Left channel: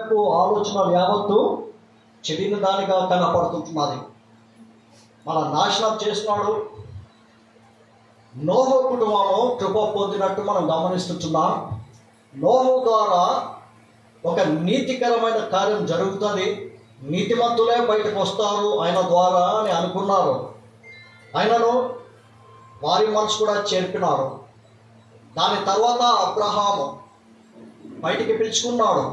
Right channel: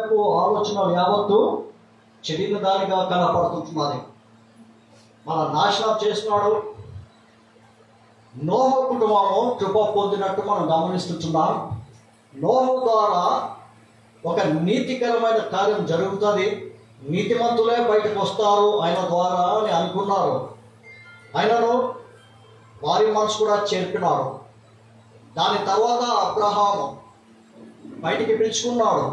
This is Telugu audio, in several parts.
యొక్క ఆలోచనలు యావత్తు చెడిన దానిగా కనపడుతున్నది. మన నాశనం చేసినాడు. నోహు కుటుంబము కృప పొందినట్టు మనం గమనిస్తున్నాం. నోహు ద్వారా ఒక నీతికరమైన కార్యం జరుగుతుంది, నీతిమంతులే బయటకు వస్తారు ఆయన ద్వారా అని అనుకున్నారు. ఆయనను వారి మనసు కూడా చేర్పినాడు. దాని తర్వాత అబ్రహాము బయటికి పిలుచుకున్నాడు,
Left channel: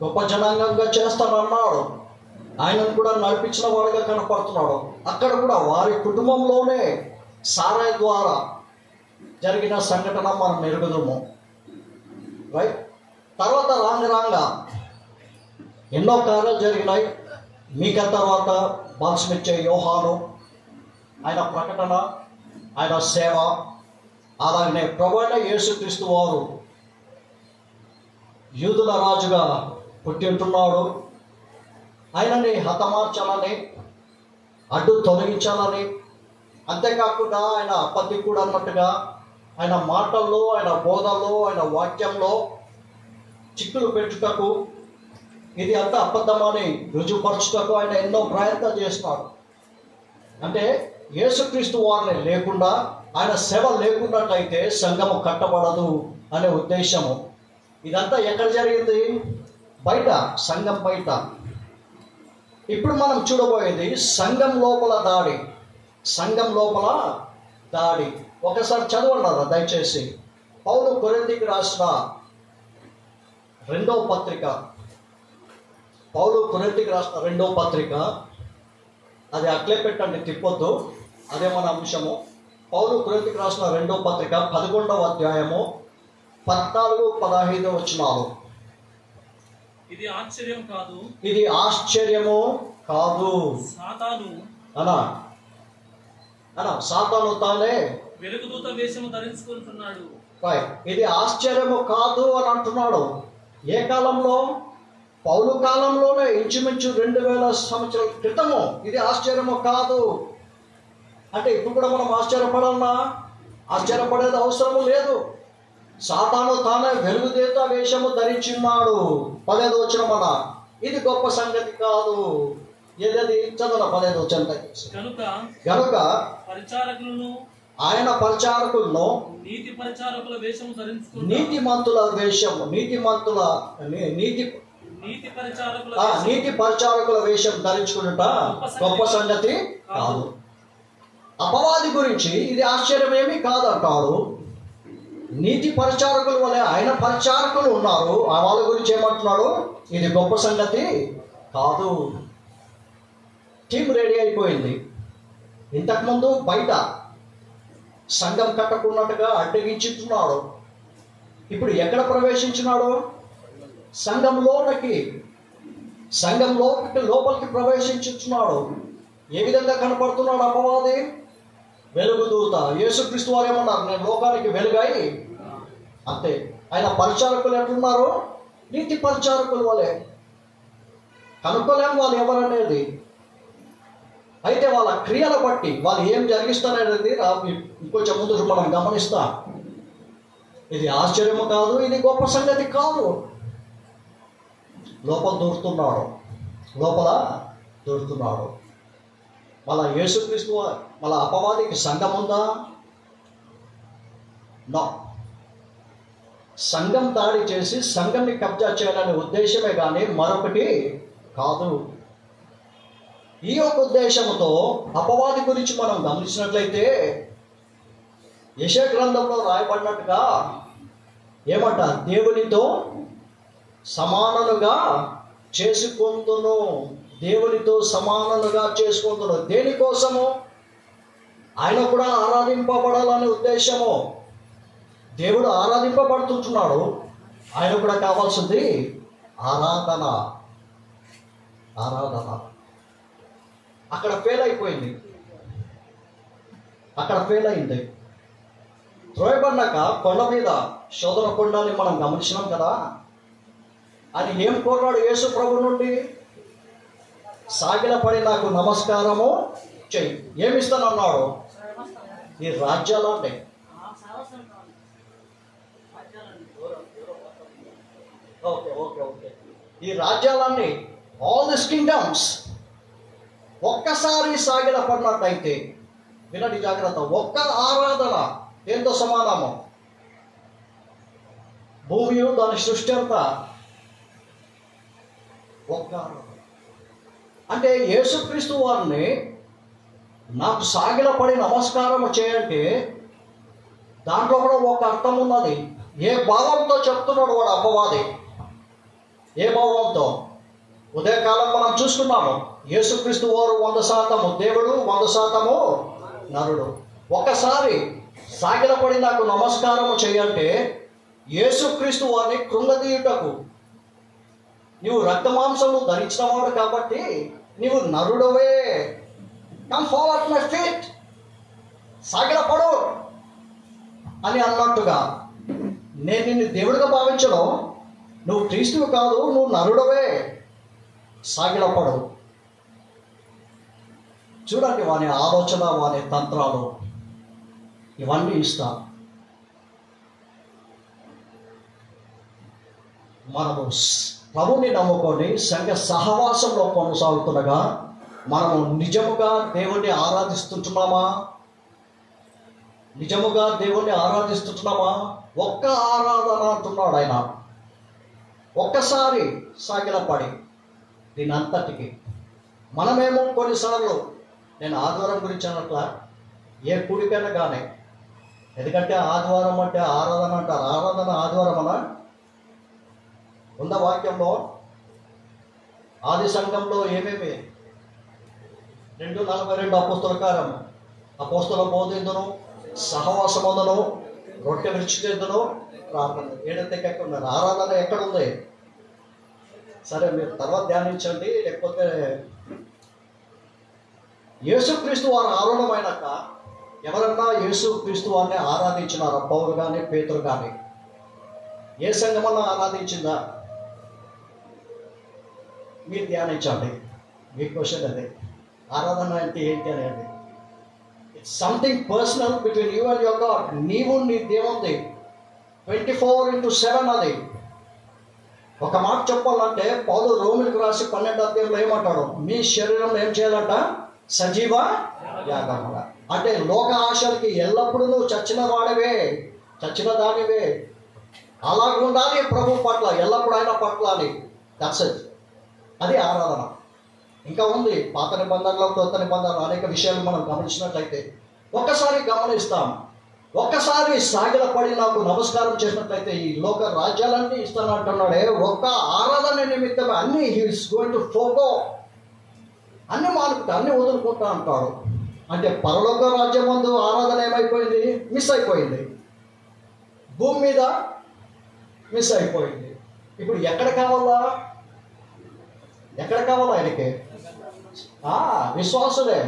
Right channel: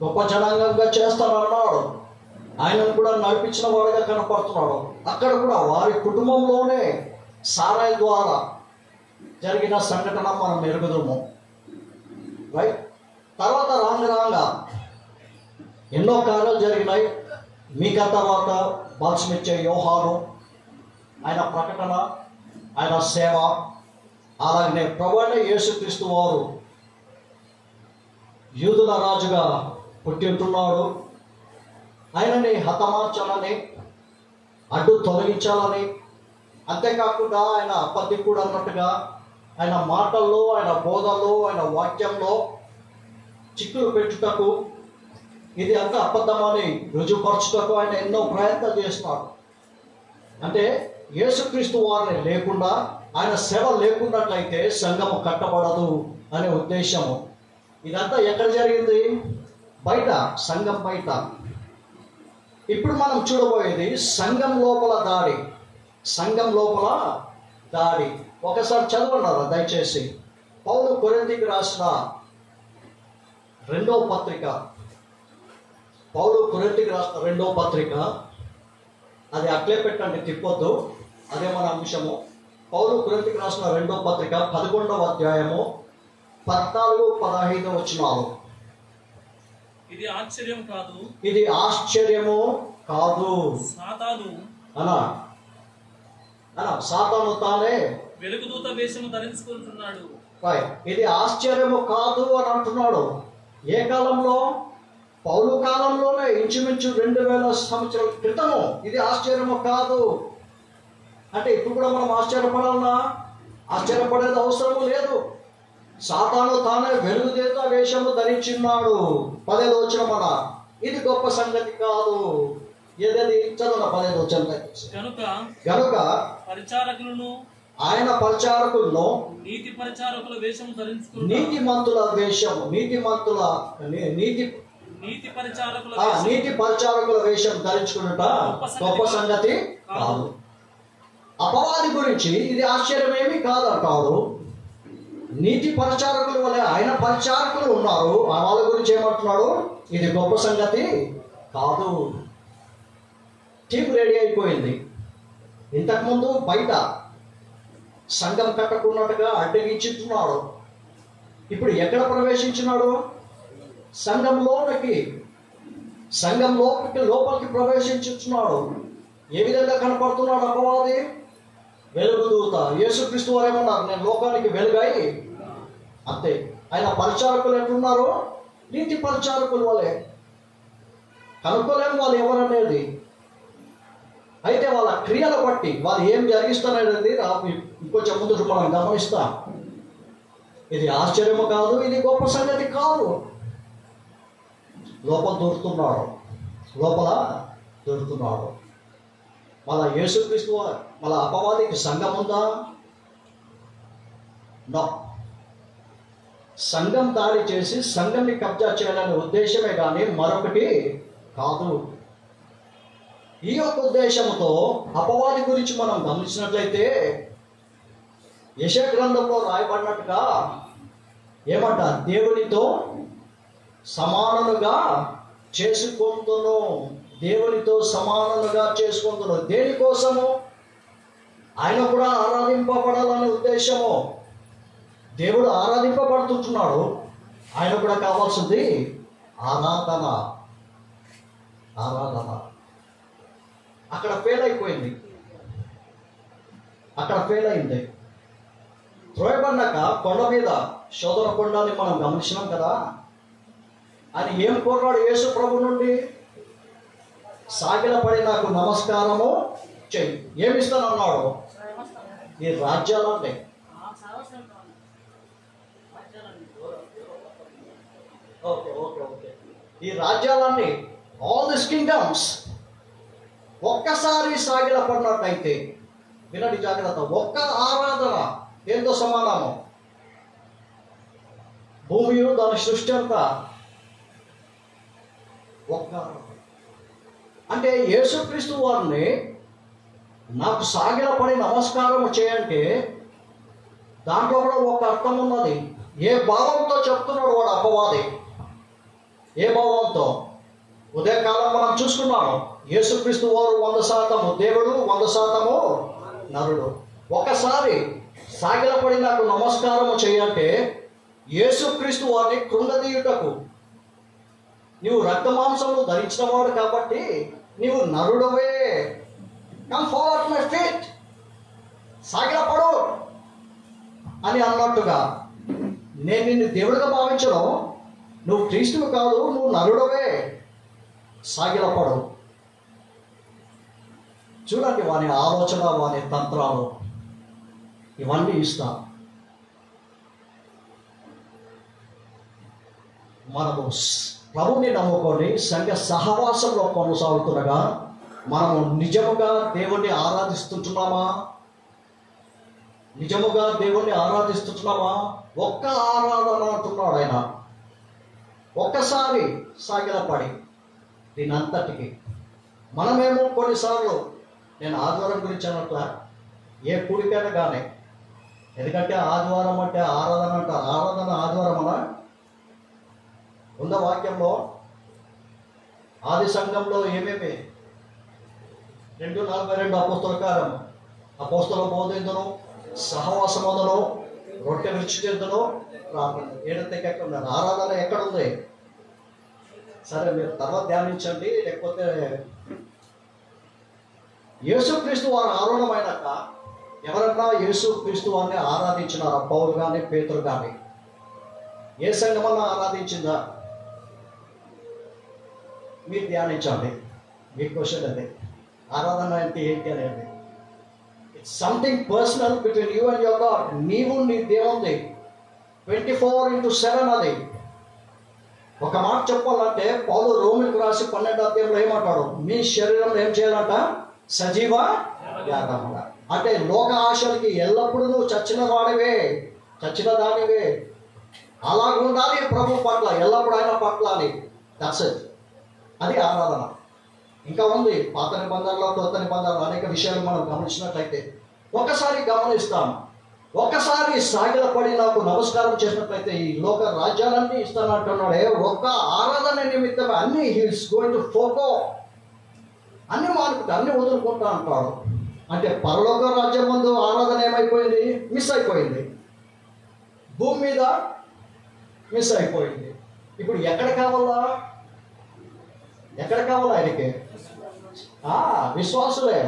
గొప్ప జనాంగంగా చేస్తానన్నాడు. ఆయనను కూడా నడిపించిన వాడుగా కనపడుతున్నాడు. అక్కడ కూడా వారి కుటుంబంలోనే సారాయి ద్వారా జరిగిన సంఘటన మనం ఎరుగుదాము. రైట్. తర్వాత రాంగ ఎన్నో కార్యాలు జరిగినాయి. మీకా తర్వాత బాల్స్మిచ్చే యోహాను, ఆయన ప్రకటన, ఆయన సేవ, అలాగనే ప్రభువైన యేసుక్రీస్తు వారు యూదుల రాజుగా పుట్టి ఉంటున్నాడు. ఆయనని హతమార్చాలని, అడ్డు తొలగించాలని, అంతేకాకుండా ఆయన అబద్ధికుడు అన్నట్టుగా ఆయన మాటల్లో, ఆయన బోధల్లో, ఆయన వాక్యంలో చిక్కులు పెట్టుటకు, ఇది అంతా అబద్ధమని రుజువుపరచుటకు ఆయన ఎన్నో ప్రయత్నాలు చేస్తున్నాడు. అంటే యేసుక్రీస్తు వారిని లేకుండా, ఆయన సేవ లేకున్నట్లయితే సంఘము కట్టబడదు అనే ఉద్దేశము. ఇదంతా ఎక్కడ జరిగింది? బయట, సంఘం బయట. ఇప్పుడు మనం చూడబోయేది సంఘం లోపల దాడి. సంఘం లోపల దాడి ఒకసారి చదవన్నారా దయచేసి? పౌలు కొరింథీకి రాసిన రెండో పత్రిక, పౌలు కొరింథీకి రాసిన రెండో పత్రిక, అది అట్లే పెట్టండి, తిప్పొద్దు, అదే మన అంశము. పౌలు కొరింథీకి రాసిన రెండో పత్రిక 11వ అధ్యాయము 14-15 వచనాలు. ఇది ఆశ్చర్యం కాదు, ఇది ఆశ్చర్యము కాదు. సాతాను సాతాను తానే వెలుగుదూత వేషము ధరించుకుంటున్నాడు. ఇది ఆశ్చర్యము కాదు అని అంటున్నాడు. ఏ కాలంలో? పౌలు కాలంలోనే, ఇంచుమించు 2000 సంవత్సరాల క్రితము. ఇది ఆశ్చర్యము కాదు అంటే ఇప్పుడు కూడా మనం ఆశ్చర్యపడాలన్నా? ఆశ్చర్యపడేది అవసరం లేదు. సాతాను తానే వెలుగుదూత వేషము ధరించున్నాడు. 15వ వచనం అన్న, ఇది గొప్ప సంగతి కాదు. ఏదది? చదవ 15వ వచనం. గనుక పరిచారకులను, ఆయన పరిచారకులను, నీతి పరిచారకుల వేషము ధరించుకుంటారు. నీతిమంతుల వేషము, నీతి పరిచారకుల వేషం ధరించుకున్నట గొప్ప సంగతి కాదు. అపవాది గురించి ఇది ఆశ్చర్యమేమీ కాదంటాడు. నీతి పరిచారకుల వలె ఆయన పరిచారకులు ఉన్నారు, ఆ వాళ్ళ గురించి ఏమంటున్నాడు? ఇది గొప్ప సంగతి కాదు. టీం రెడీ అయిపోయింది. ఇంతకుముందు బయట సంఘం కట్టకున్నట్టుగా అడ్డగించుతున్నాడు. ఇప్పుడు ఎక్కడ ప్రవేశించినాడు? సంఘంలోకి లోపలికి ప్రవేశించుతున్నాడు. ఏ విధంగా కనపడుతున్నాడు అపవాది? వెలుగుదూత. యేసుక్రీస్తు వారు ఏమన్నారు? నేను లోకానికి వెలుగై. అంతే. ఆయన పరిచారకులు ఎట్లున్నారు? నీతి పరిచారకులు వలె. కనుక్కోలేము వాళ్ళు ఎవరనేది. అయితే వాళ్ళ క్రియల బట్టి వాళ్ళు ఏం జరిగిస్తారనేది ఇంకొంచెం ముందు మనం గమనిస్తాం. ఇది ఆశ్చర్యము కాదు, ఇది గొప్ప సంగతి కాదు. లోపల దూరుతున్నాడు. మళ్ళా యేసుక్రీస్తు మళ్ళా అపవాదికి సంఘం ఉందా? నో. సంఘం దాడి చేసి సంఘంని కబ్జా చేయాలనే ఉద్దేశమే కానీ మరొకటి కాదు. ఈ యొక్క ఉద్దేశంతో అపవాది గురించి మనం గమనించినట్లయితే యెషయా గ్రంథంలో రాయబడినట్టుగా ఏమంట? దేవునితో సమానముగా చేసుకుందును. దేవునితో సమానముగా చేసుకుందును. దేనికోసము? ఆయన కూడా ఆరాధింపబడాలనే ఉద్దేశము. దేవుడు ఆరాధింపబడుతున్నాడు, ఆయన కూడా కావాల్సింది ఆరాధన. అక్కడ ఫెయిల్ అయింది. త్రోయబడినాక కొండ మీద శోధన కొండని మనం గమనించినాం కదా. ఆయన ఏం కోరాడు యేసు ప్రభు నుండి? సాగిలపడి నాకు నమస్కారము చెయ్యి. ఏమిస్తానన్నాడు? ఈ రాజ్యాలు ఉంటాయి. ఓకే. ఈ రాజ్యాలన్నీ, ఆల్ దిస్ కింగ్డమ్స్ ఒక్కసారి సాగిలపడినట్టయితే, వినండి జాగ్రత్త, ఒక్క ఆరాధన ఏంతో సమానము? భూమియు దాని సృష్టి అంతా ఒక్క ఆరాధన. అంటే యేసుక్రీస్తు వారిని నాకు సాగిలపడి నమస్కారం చేయంటే దాంట్లో కూడా ఒక అర్థం ఉన్నది. ఏ భావంతో చెప్తున్నాడు వాడు అపవాది? ఏ భావంతో? ఉదయకాలం మనం చూసుకున్నాము, యేసుక్రీస్తు వారు 100% దేవుడు, 100% నరుడు. ఒకసారి సాగిలపడి నాకు నమస్కారం చేయంటే యేసుక్రీస్తు వారిని కృంగదీయుటకు, నీవు రక్తమాంసము ధరించినవాడు కాబట్టి నీవు నరుడవే, కమ్ ఫార్వర్డ్ మై ఫీట్, సాగిలపడు అని అన్నట్టుగా, నేను నిన్ను దేవుడిగా భావించడం, నువ్వు క్రీస్తువు కాదు, నువ్వు నరుడవే, సాగిలపడు. చూడండి వాని ఆలోచన, వాని తంత్రాలు ఇవన్నీ ఇస్తా. మనము ప్రభుని నమ్ముకొని సంఘ సహవాసంలో కొనసాగుతుండగా మనము నిజముగా దేవుణ్ణి ఆరాధిస్తుంటున్నామా? నిజముగా దేవుణ్ణి ఆరాధిస్తున్నామా? ఒక్క ఆరాధన అంటున్నాడు ఆయన. ఒక్కసారి సాగిలపడి దీని అంతటికి. మనమేమో కొన్నిసార్లు, నేను ఆదివారం గురించి అన్నట్ల, ఏ కూడికైనా కానీ, ఎందుకంటే ఆదివారం అంటే ఆరాధన అంటారు. ఆరాధన ఆదివారం అనా ఉన్న వాక్యంలో ఆది సంఘంలో ఏమేమి 2:42 అపోస్తల కార్యము, అపోస్తల బోధిందును, సహవాసమందును, రొట్టె విరుచుటెందును, ప్రార్థన. ఏడెక్కడున్నారు? ఆరాధన ఎక్కడుంది? సరే మీరు తర్వాత ధ్యానించండి. లేకపోతే యేసుక్రీస్తు వారు ఆరోహణమైనాక ఎవరన్నా యేసుక్రీస్తు వారిని ఆరాధించినారా? పౌలు కానీ పేతురు కానీ? ఏ సంఘమన్నా ఆరాధించిందా? మీరు ధ్యానించండి. మీ క్వశ్చన్ అది. ఆరాధన అంటే ఏంటి అనేది. It's something personal between you and your God. నీవు నీ దేవుంది 24/7 అది. ఒక మాట చెప్పాలంటే పౌలు రోమిలకు రాసి 12వ అధ్యాయంలో ఏమంటాడు? మీ శరీరంలో ఏం చేయాలంట? సజీవ యాగముగా. అంటే లోక ఆశలకి ఎల్లప్పుడూ నువ్వు చచ్చిన వాడివే, చచ్చిన దానివే. అలాగుండాలి ప్రభు పట్ల, ఎల్లప్పుడూ ఆయన పట్ల అని. That's it. అది ఆరాధన. ఇంకా ఉంది పాత నిబంధనలో, కొత్త నిబంధనలు అనేక విషయాలు మనం గమనించినట్లయితే ఒక్కసారి గమనిస్తాం. ఒక్కసారి సాగిలపడి నాకు నమస్కారం చేసినట్లయితే ఈ లోక రాజ్యాలన్నీ ఇస్తానంటున్నాడే. ఒక్క ఆరాధన నిమిత్తమే అన్ని హీస్ గోయింగ్ టు ఫోకో, అన్ని మానుకుంటా, అన్ని వదులుకుంటా అంటాడు. అంటే పరలోక రాజ్యం ముందు ఆరాధన ఏమైపోయింది? మిస్ అయిపోయింది. భూమి మీద మిస్ అయిపోయింది. ఇప్పుడు ఎక్కడ కావాలా? ఎక్కడ కావాలా ఆయనకి? విశ్వాసులే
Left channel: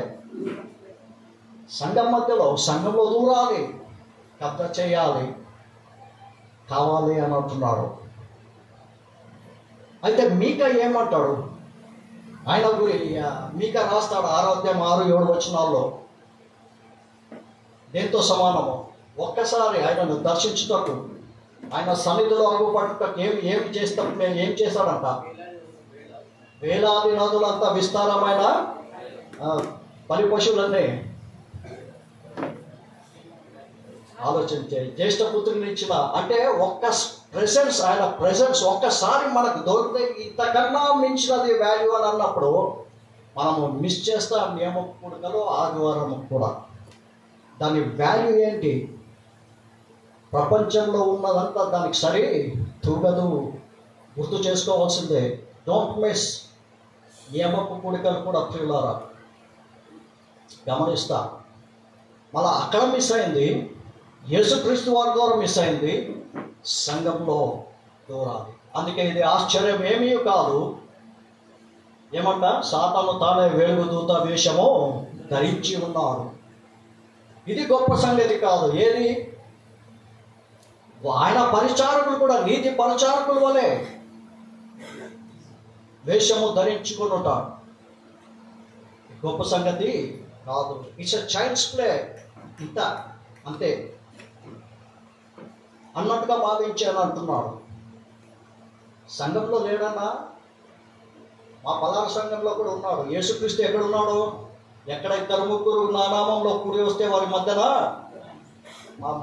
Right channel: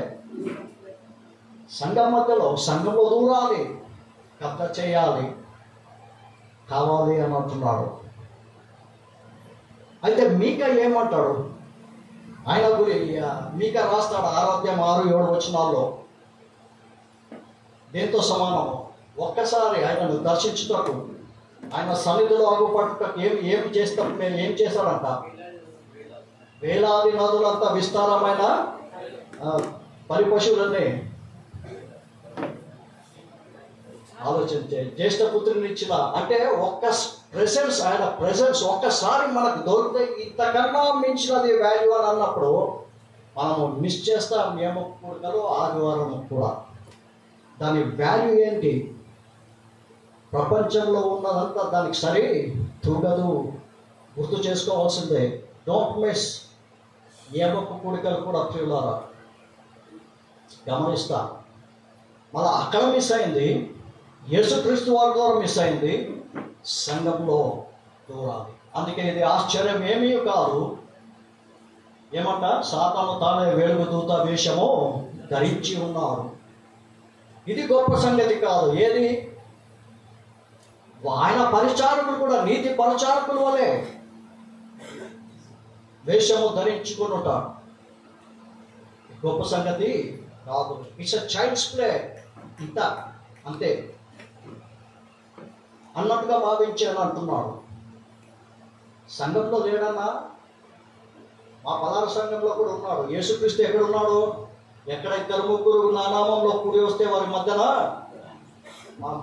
సంఘం మధ్యలో, సంఘంలో దూరాలి, కబ్జా చేయాలి, కావాలి అని అంటున్నాడు. అయితే మీకా ఏమంటాడు? ఆయన మీకా రాస్తాడు 6:6-7 వచనాల్లో దేంతో సమానము? ఒక్కసారి ఆయనను దర్శించుటకు, ఆయన సన్నిధిలో అగుపట్టుటకు ఏమి చేస్తాడంట? వేలాది నదులంతా విస్తారమైన పలి పశువులన్నీ ఆలోచించే జ్యేష్ఠ పుత్రుని ఇచ్చిన. అంటే ఒక్క ప్రెసెన్స్, ఆయన ప్రెసెన్స్ ఒక్కసారి మనకు దొరికితే ఇంతకన్నా మించినది వాల్యూ అని అన్నప్పుడు మనము మిస్ చేస్తాం. నియమ కూడికలో ఆదివారం కూడా దాని వాల్యూ ఏంటి? ప్రపంచంలో ఉన్నదంతా దానికి సరి తూగదు. గుర్తు చేసుకోవాల్సిందే. Don't miss. నియమపు కూడికలు కూడా ప్రియులారా గమనిస్తా. మళ్ళీ అక్కడ మిస్ అయింది, యేసుక్రీస్తు వారి ద్వారా మిస్ అయింది, సంఘంలో దూరాలి. అందుకే ఇది ఆశ్చర్యం ఏమీ కాదు. ఏమంట? సాతాను తానే వెలుగు దూత వేషము ధరించి ఉన్నాడు. ఇది గొప్ప సంగతి కాదు. ఏది? ఆయన పరిచారకులు కూడా నీతి పరిచారకుల వలె వేషము ధరించుకునుట గొప్ప సంగతి కాదు. It's a child's play. ఇంత అంతే అన్నట్టుగా భావించాను అంటున్నాడు. సంఘంలో లేడన్నా మా పలానా సంఘంలో కూడా ఉన్నాడు. యేసుక్రీస్తు ఎక్కడ ఉన్నాడు? ఎక్కడ ఇద్దరు ముగ్గురు నా నామంలో కూడి వస్తే వారి మధ్యన,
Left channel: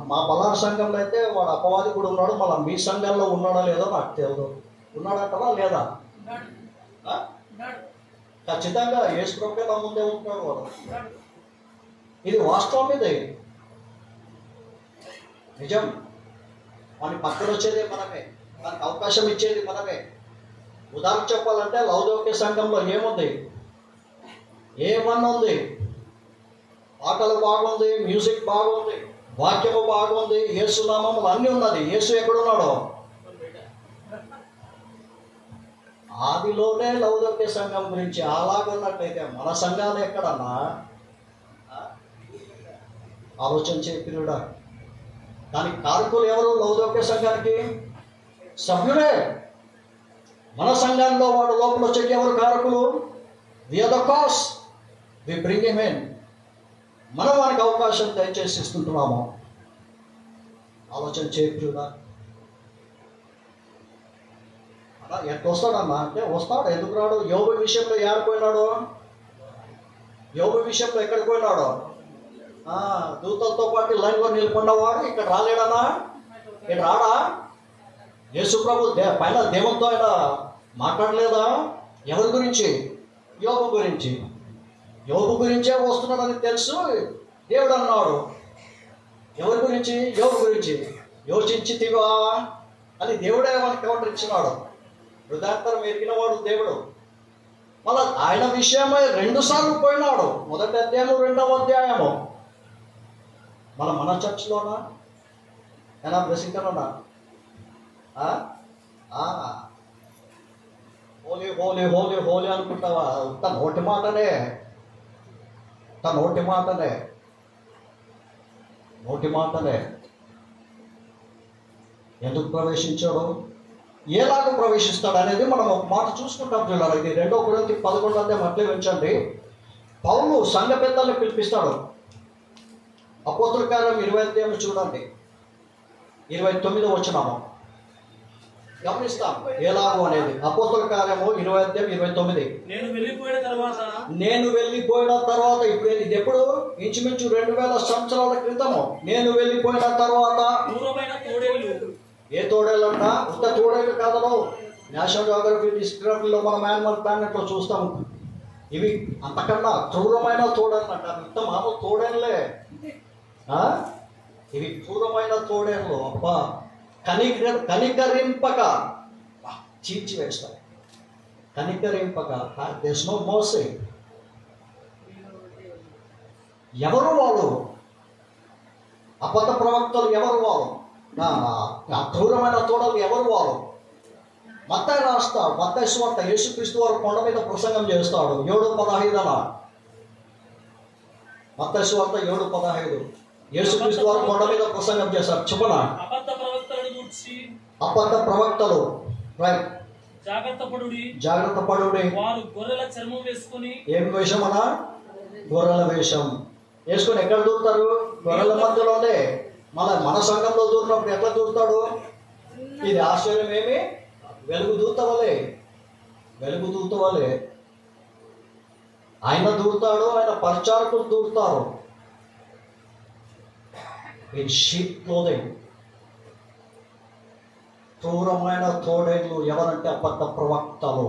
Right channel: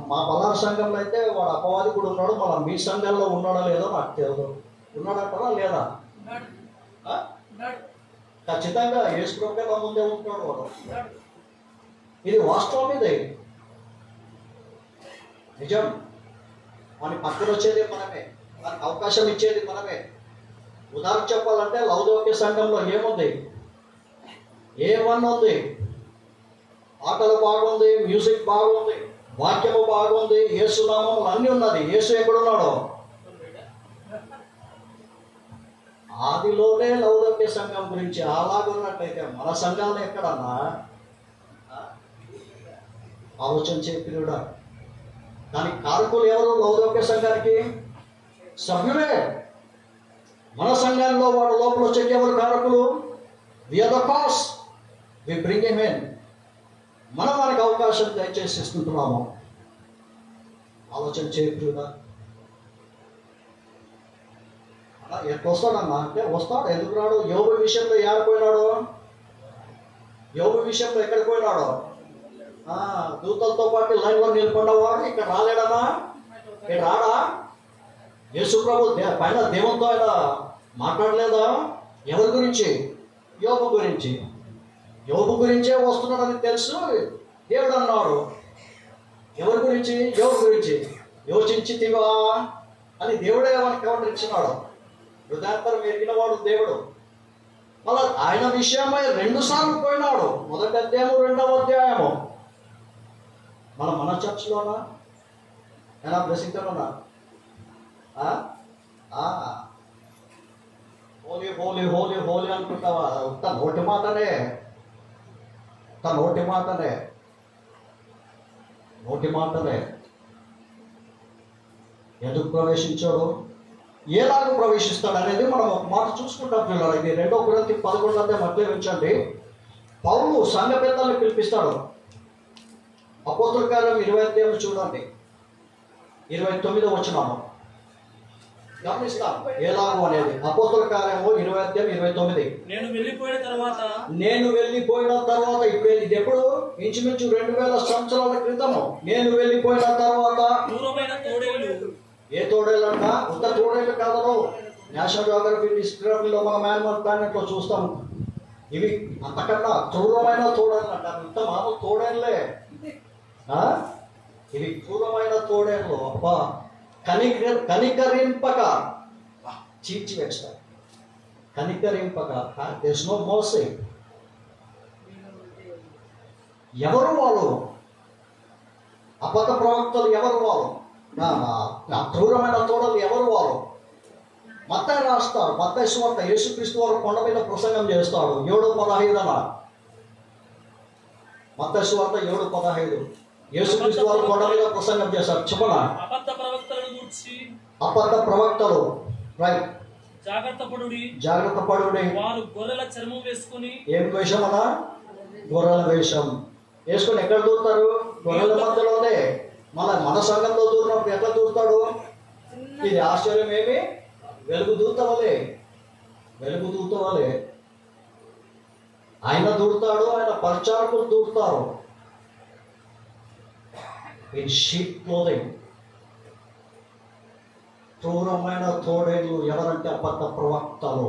మా పలానా సంఘంలో అయితే వాడు అపవాది కూడా ఉన్నాడు. మళ్ళీ మీ సంఘంలో ఉన్నాడో లేదో నాకు తెలియదు. ఉన్నాడంటారా లేదా? ఖచ్చితంగా యేసు ప్రభువే నా ముందే ఉంటున్నాడు వాడు. ఇది వాస్తవం, ఇది నిజం. వాని పక్కన వచ్చేది మనమే, వానికి అవకాశం ఇచ్చేది మనమే. ఉదాహరణ చెప్పాలంటే లౌదోక్య సంఘంలో ఏముంది? ఏమన్నా ఉంది? ఆటలు బాగుంది, మ్యూజిక్ బాగుంది, వాక్యము బాగుంది, యేసు నామములు అన్నీ ఉన్నది. యేసు ఎక్కడున్నాడో? ఆదిలోనే లౌదోక్య సంఘం గురించి అలాగున్నట్లయితే మన సంఘాలు ఎక్కడన్నా? ఆలోచన చేపిరుడా. దానికి కారకులు ఎవరు? లౌదోక్య సంఘానికి సభ్యులే. మన సంఘంలో వాడు లోపల వచ్చేకి ఎవరు కారకులు? We are the cause, we bring him in. మనం వారికి అవకాశం దయచేసి ఇస్తుంటున్నాము. ఆలోచన చేపిరుడా. అలా ఎట్లా వస్తాడన్నా అంటే వస్తాడు. ఎందుకు రాడు? యోబు విషయంలో ఏడిపోయినాడు? యోబు విషయంలో ఎక్కడికి పోయినాడు? దూతలతో పాటు లైన్లో నిలబడినవాడు ఇక్కడ రాలేడనా? ఇక్కడ రాడా? యేసు ప్రభు పైన దేవునితో ఆయన మాట్లాడలేదా? ఎవరి గురించి? యోబు గురించి. యోబు గురించే వస్తున్నాడని తెలుసు. దేవుడు అన్నాడు. ఎవరి గురించి? యోబు గురించి. యోచించితివా అని దేవుడే మనకి కౌంటర్ ఇచ్చినాడు. హృదయాంతరం ఎరిగిన వాడు దేవుడు. మళ్ళా ఆయన విషయమై 2 సార్లు పోయినాడు. మొదటి అధ్యాయము, 2వ అధ్యాయము. మన చర్చ్లోనా? ఏనా బ్లెస్సింగ్లోనా? హోలీ హోలీ హోలీ హోలీ అనుకుంటావా? తన నోటి మాటనే, నోటి మాటనే. ఎందుకు ప్రవేశించాడు? ఎలాగ ప్రవేశిస్తాడు అనేది మనం ఒక మాట చూసుకుంటాం చూడాలి. ఇది 2 కొరింథీ 11 అంటే మట్లే ఉంచండి. పౌలు సంఘ పెద్దల్ని పిలిపిస్తాడు. అపోస్తుల కార్యం 20 చూడండి, 29 వచనము గమనిస్తాం ఎలాగో అనేది. అపోస్తుల కార్యము 20:29. నేను వెళ్ళిపోయిన తర్వాత ఇప్పుడు ఇది ఎప్పుడు? ఇంచుమించు 2000 సంవత్సరాల క్రితము. నేను వెళ్ళిపోయిన తర్వాత ఏ తోడేళ్ళంట? ఉత్త తోడేళ్ళు కాదను. నేషనల్ జియోగ్రఫీ డిస్కవరీలో మనం యానిమల్ ప్లానెట్ లో చూస్తాం. ఇవి అంతకన్నా క్రూరమైన తోడేళ్ళంట. ఇంత మామూలు తోడేళ్ళే. ఇవి క్రూరమైన తోడేళ్ళు. అబ్బా, కనికరింపక చీల్చి వేస్తాయి. కనికరింపక. There's no mercy. ఎవరు వాళ్ళు? అబద్ధ ప్రవక్తలు ఎవరు వాళ్ళు? క్రూరమైన తోడలు ఎవరు వాళ్ళు? మత్తయి రాస్తాడు. మత్తయి సువార్త యేసుక్రీస్తు వారు కొండ మీద ప్రసంగం చేస్తాడు. 7:15. మత్తయి సువార్త 7:15. యేసుక్రీస్తు వారు కొండ మీద ప్రసంగం చేశారు. చెప్పనా? అబద్ధ ప్రవక్తలు, రైట్, జాగ్రత్త పడుడి. వారు గొర్రెల చర్మం వేసుకొని, ఏం వేషం అన్నా? గొర్రెల వేషం వేసుకొని ఎక్కడ దూరుతారు? గొర్రెల మధ్యలోనే. మన సంఘంలో దూరినప్పుడు ఎట్లా దూరుతాడు? ఇది ఆశ్చర్యం ఏమి? వెలుగు దూత వలె ఆయన దూరుతాడు. ఆయన పరిచారకులు దూరుతారు. In sheep clothing. క్రూరమైన తోడేళ్ళు ఎవరంటే అబద్ధ ప్రవక్తలు.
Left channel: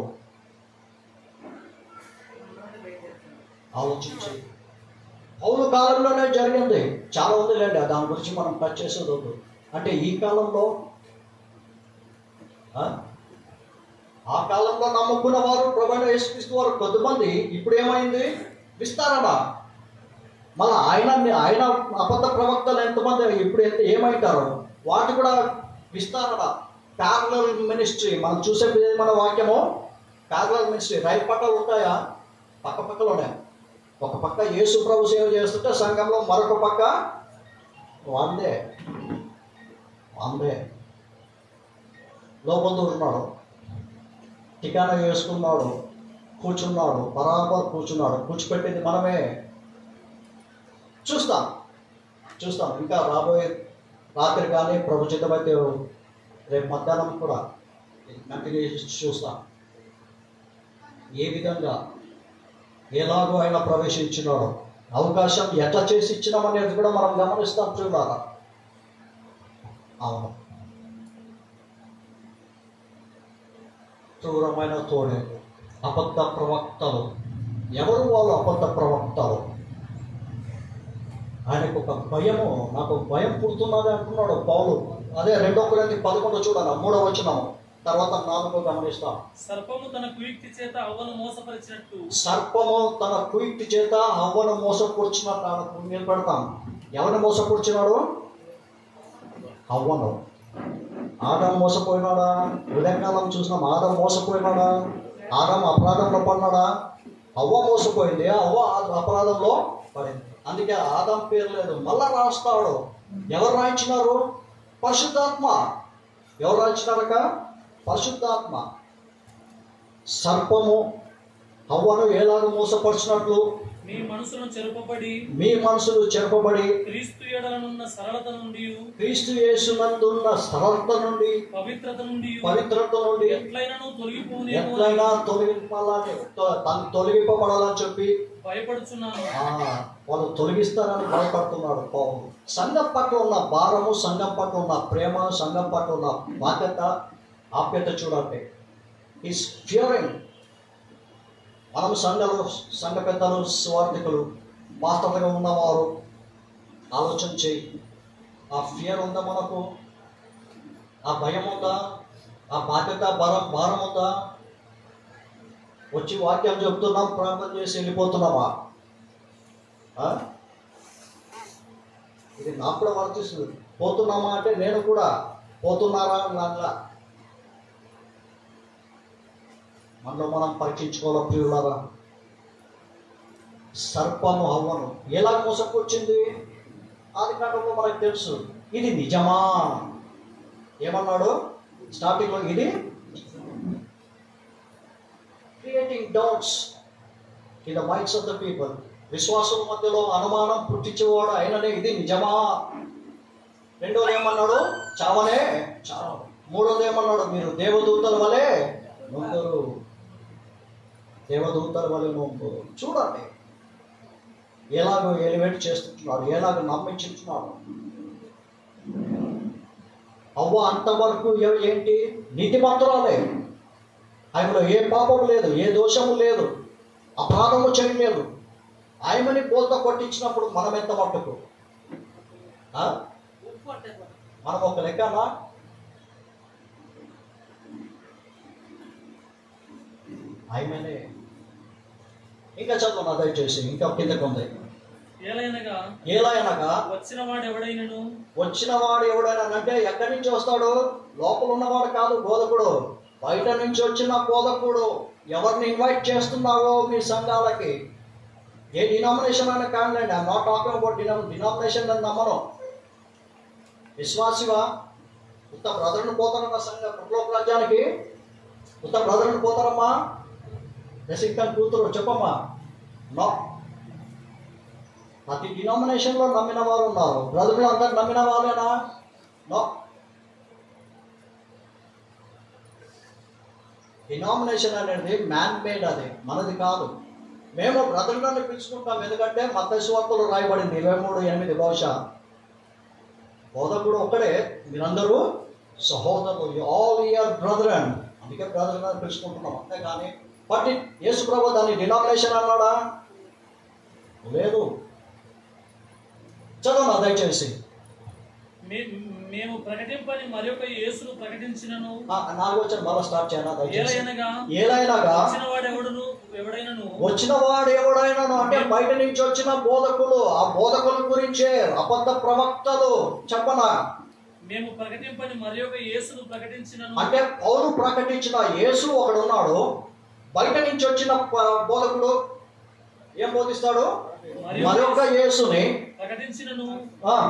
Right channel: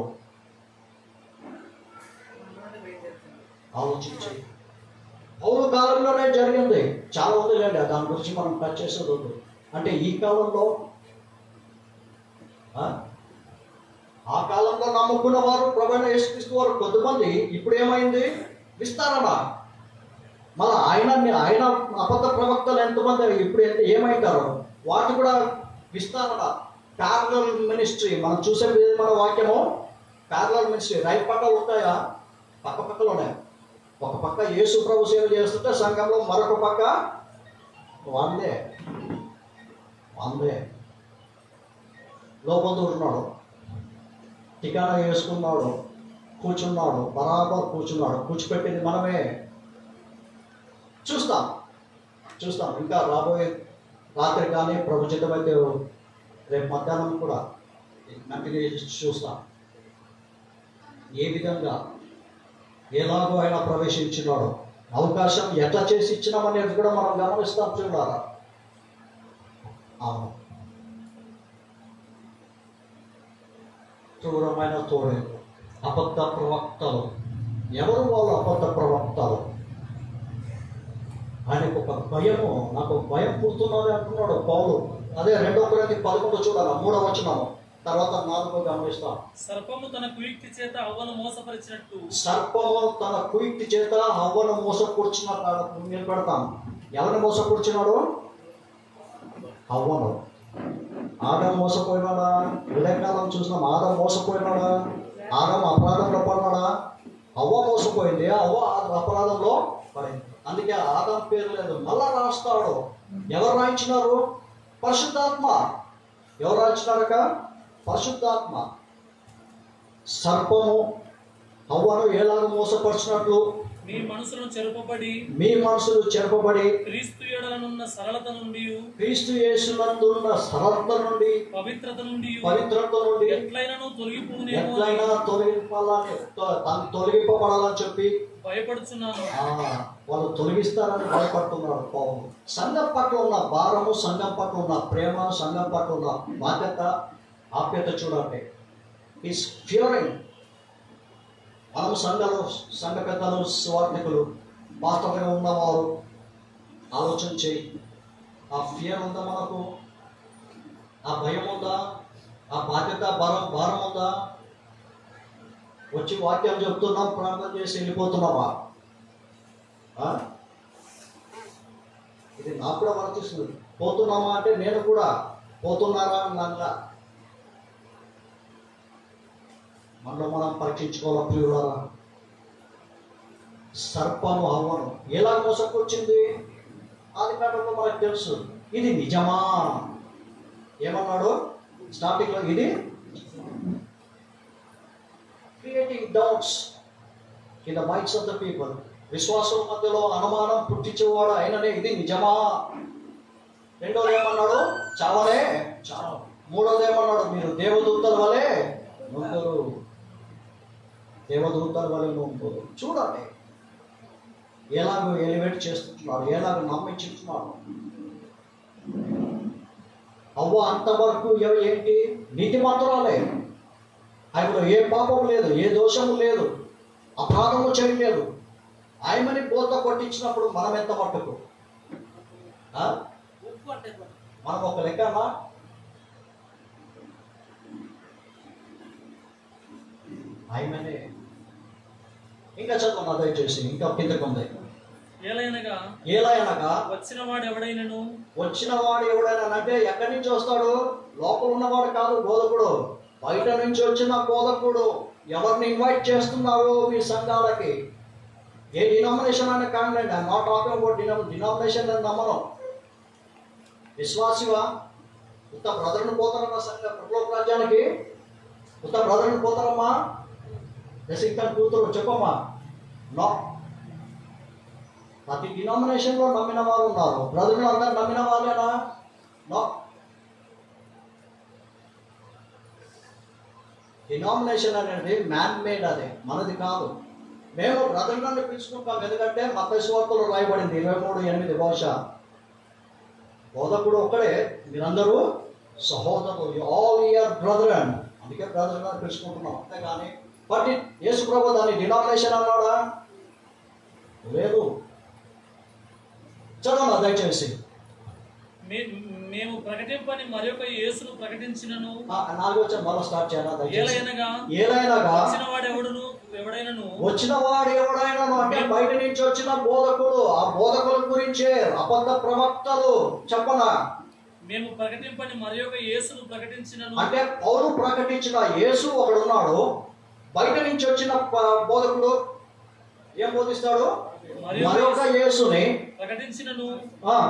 ఆలోచించి పౌలు కాలంలోనే జరిగింది. చాలా ఉందిలేండి, దాని గురించి మనం టచ్ చేసేది వద్దు. అంటే ఈ కాలంలో, ఆ కాలంలో నమ్ముకున్న వారు, ప్రభువైన యేసుక్రీస్తు వారు కొద్దిమంది. ఇప్పుడు ఏమైంది? విస్తరణ. మళ్ళీ ఆయన అబద్ధ ప్రవక్తలు ఎంతమంది ఇప్పుడు ఏమైంటారు? వాటి కూడా విస్తరణ. ప్యారలల్ మినిస్ట్రీ మనం చూసే మన వాక్యము ప్యారలల్ మినిస్ట్రీ. రైట్ పక్కలు ఉంటాయా? పక్కలోనే. ఒక పక్క యేసు ప్రభు సేవ చేస్తుంటే సంఘంలో మరొక పక్క వందే లోపల దూరున్నాడు, టికానా వేసుకున్నాడు, కూర్చున్నాడు, బరాబర్ కూర్చున్నాడు. కూర్చోపెట్టింది మనమే. చూస్తాం. ఇంకా రాబోయే రాత్రి కానీ ప్రభు చిత్తమైతే రేపు మధ్యాహ్నం కూడా కంటిన్యూ చూస్తాం. ఏ విధంగా ఎలాగో ఆయన ప్రవేశించినాడు, అవకాశం ఎట్లా చేసి ఇచ్చినామనేది కూడా మనం గమనిస్తాం చూడాలా. అవును, క్రూరమైన తోడేలు, అబద్ధ ప్రవక్తలు. ఎవరు వాళ్ళు అబద్ధ ప్రవక్తలు? ఆయనకు ఒక భయము, నాకు భయం పుడుతున్నది అంటున్నాడు పౌలు. అదే 2 కొరింథీ 11 చూడాలి, 3వ వచనము తర్వాత 4వ గమనిస్తాం. సర్పము తన కుయుక్తి చేత అవ్వను మోసపరిచినట్టు, సర్పము తన కుయుక్తి చేత అవ్వను మోసపూర్చినట్టు నిలబెడతాం. ఎవరిని మోసపూర్చినాడు? అవ్వను. ఆదాము మోసపోయినాడా? ఉదయకాలం చూసినాం. ఆదాము మోసపోయినాడా? ఆదాము అపరాధంలో పడినాడా? అవ్వ మోసపోయింది, అవ్వ అపరాధంలో పడింది. అందుకే ఆదాం పేరు లేదు. మళ్ళా రాస్తాడు. ఎవరు రాయించినారు? పరిశుద్ధాత్మ. ఎవరు రాయించినారక? పరిశుద్ధాత్మ. సర్పము అవ్వను ఎలాగ మోసపరిచినట్లు మీ మనసును చెరపబడి క్రీస్తు యేసునందున్న సరళత నుండి పవిత్రత నుండి ఎట్లయినా తొలగిపోబడాలని చెప్పి భయపడుతున్నాను. వాళ్ళు తొలగిస్తారని భయపడుతున్నాడు పౌలు. సంఘం పట్ల ఉన్న భారము, సంఘం పట్ల ఉన్న ప్రేమ, సంఘం పట్ల ఉన్న బాధ్యత, ఆప్యత చూడండి. Is Fearing. మనం సంఘ పెద్దలు, స్వార్థికులు, పాత్రలుగా ఉన్నవారు ఆలోచన చేయి. ఆ ఫియర్ ఉందా మనకు? ఆ భయం ఉందా? ఆ బాధ్యత భారం ఉందా? వచ్చి వాక్యం చెప్తున్నాం, ప్రార్థన చేసి వెళ్ళిపోతున్నామా? ఇది నాకు కూడా వర్తిస్తుంది. పోతున్నామా అంటే నేను కూడా పోతున్నారా అన్నట్లా మనలో మనం పరీక్షించుకోవాలి ప్రియులారా. సర్పము హవ్వను ఎలా మోసకొచ్చింది? ఆది కాలంలో మనకు తెలుసు. ఇది నిజమా? ఏమన్నాడు స్టార్టింగ్లో? ఇది creating doubts in the minds of the people. విశ్వాసం మధ్యలో అనుమానం పుట్టించేవాడు ఆయననే. ఇది నిజమా? రెండోది ఏమన్నాడు? చావనే చావు. మూడోది ఏమన్నాడు? మీరు దేవదూతల వలె నొందరు. దేవదూతల వలె నొందరు. చూడండి ఎలాగో ఎలివేట్ చేస్తున్నాడు, ఎలాగో నమ్మించుతున్నాడు. అవ్వ అంతవరకు ఏంటి? నీతిమంతురాలే. ఆయనలో ఏ పాపం లేదు, ఏ దోషము లేదు, అపరాధము చేయలేదు. ఆయనని బోల్త కొట్టించినప్పుడు మనం ఎంత మట్టుకు? మనం ఒక లెక్కనా? ఆయననే. ఇంకా చదువు దయచేసి, ఇంకా కిందకు ఉంది. ఏలయనగా వచ్చినవాడు ఎవడైనా అంటే ఎక్కడి నుంచి వస్తాడు? లోపల ఉన్నవాడు కాదు బోధకుడు, బయట నుంచి వచ్చిన బోధకుడు. ఎవరిని ఇన్వైట్ చేస్తున్నావో మీ సంఘాలకి, ఏ డినామినేషన్ అయినా కానివ్వండి. I'm not talking about denomination అని నమ్మను. విశ్వాసివా? ఉత్త బ్రదర్ని పోతారమ్మా సంఘ పరలోక రాజ్యానికి? ఉత్త బ్రదర్ని పోతారమ్మా? దశింకం కూతురు చెప్పమ్మా. నో. ప్రతి డినామినేషన్లో నమ్మిన వారు ఉన్నారు. బ్రదర్లు అందరు నమ్మిన వాళ్ళేనా? నో. డినామినేషన్ అనేది మ్యాన్ మేడ్, అది మనది కాదు. మేము బ్రదర్లని పిలుచుకుంటాం. ఎందుకంటే మత్తయి సువార్తలో రాయబడింది 23:8 బహుశా. బోధకుడు ఒక్కడే, మీరందరూ సహోదరులు, ఆల్ యువర్ బ్రదరన్. అందుకే బ్రదర్ అని పిలుచుకుంటున్నాం. అంతేగాని బట్ యేసు ప్రభు దాన్ని డినామినేషన్ అన్నాడా? లేదు. చదవనా దయచేసి. మేము ప్రకటింపని మరొక యేసును ప్రకటించినను. 4వ వచనం మళ్ళీ స్టార్ట్ చేయాలా దయచేసి. ఏలయనగా వచ్చినవాడు ఎవడైనాను అంటే బయట నుంచి వచ్చిన బోధకులు, ఆ బోధకుల గురించే అబద్ధ ప్రవక్తలు. చెప్పనా? మేము ప్రకటింపని మరొక యేసును ప్రకటించినను అంటే పౌలు ప్రకటించిన యేసు ఒకడున్నాడు. బయట నుంచి వచ్చిన బోధకుడు ఏం బోధిస్తాడు? మరొక యేసుని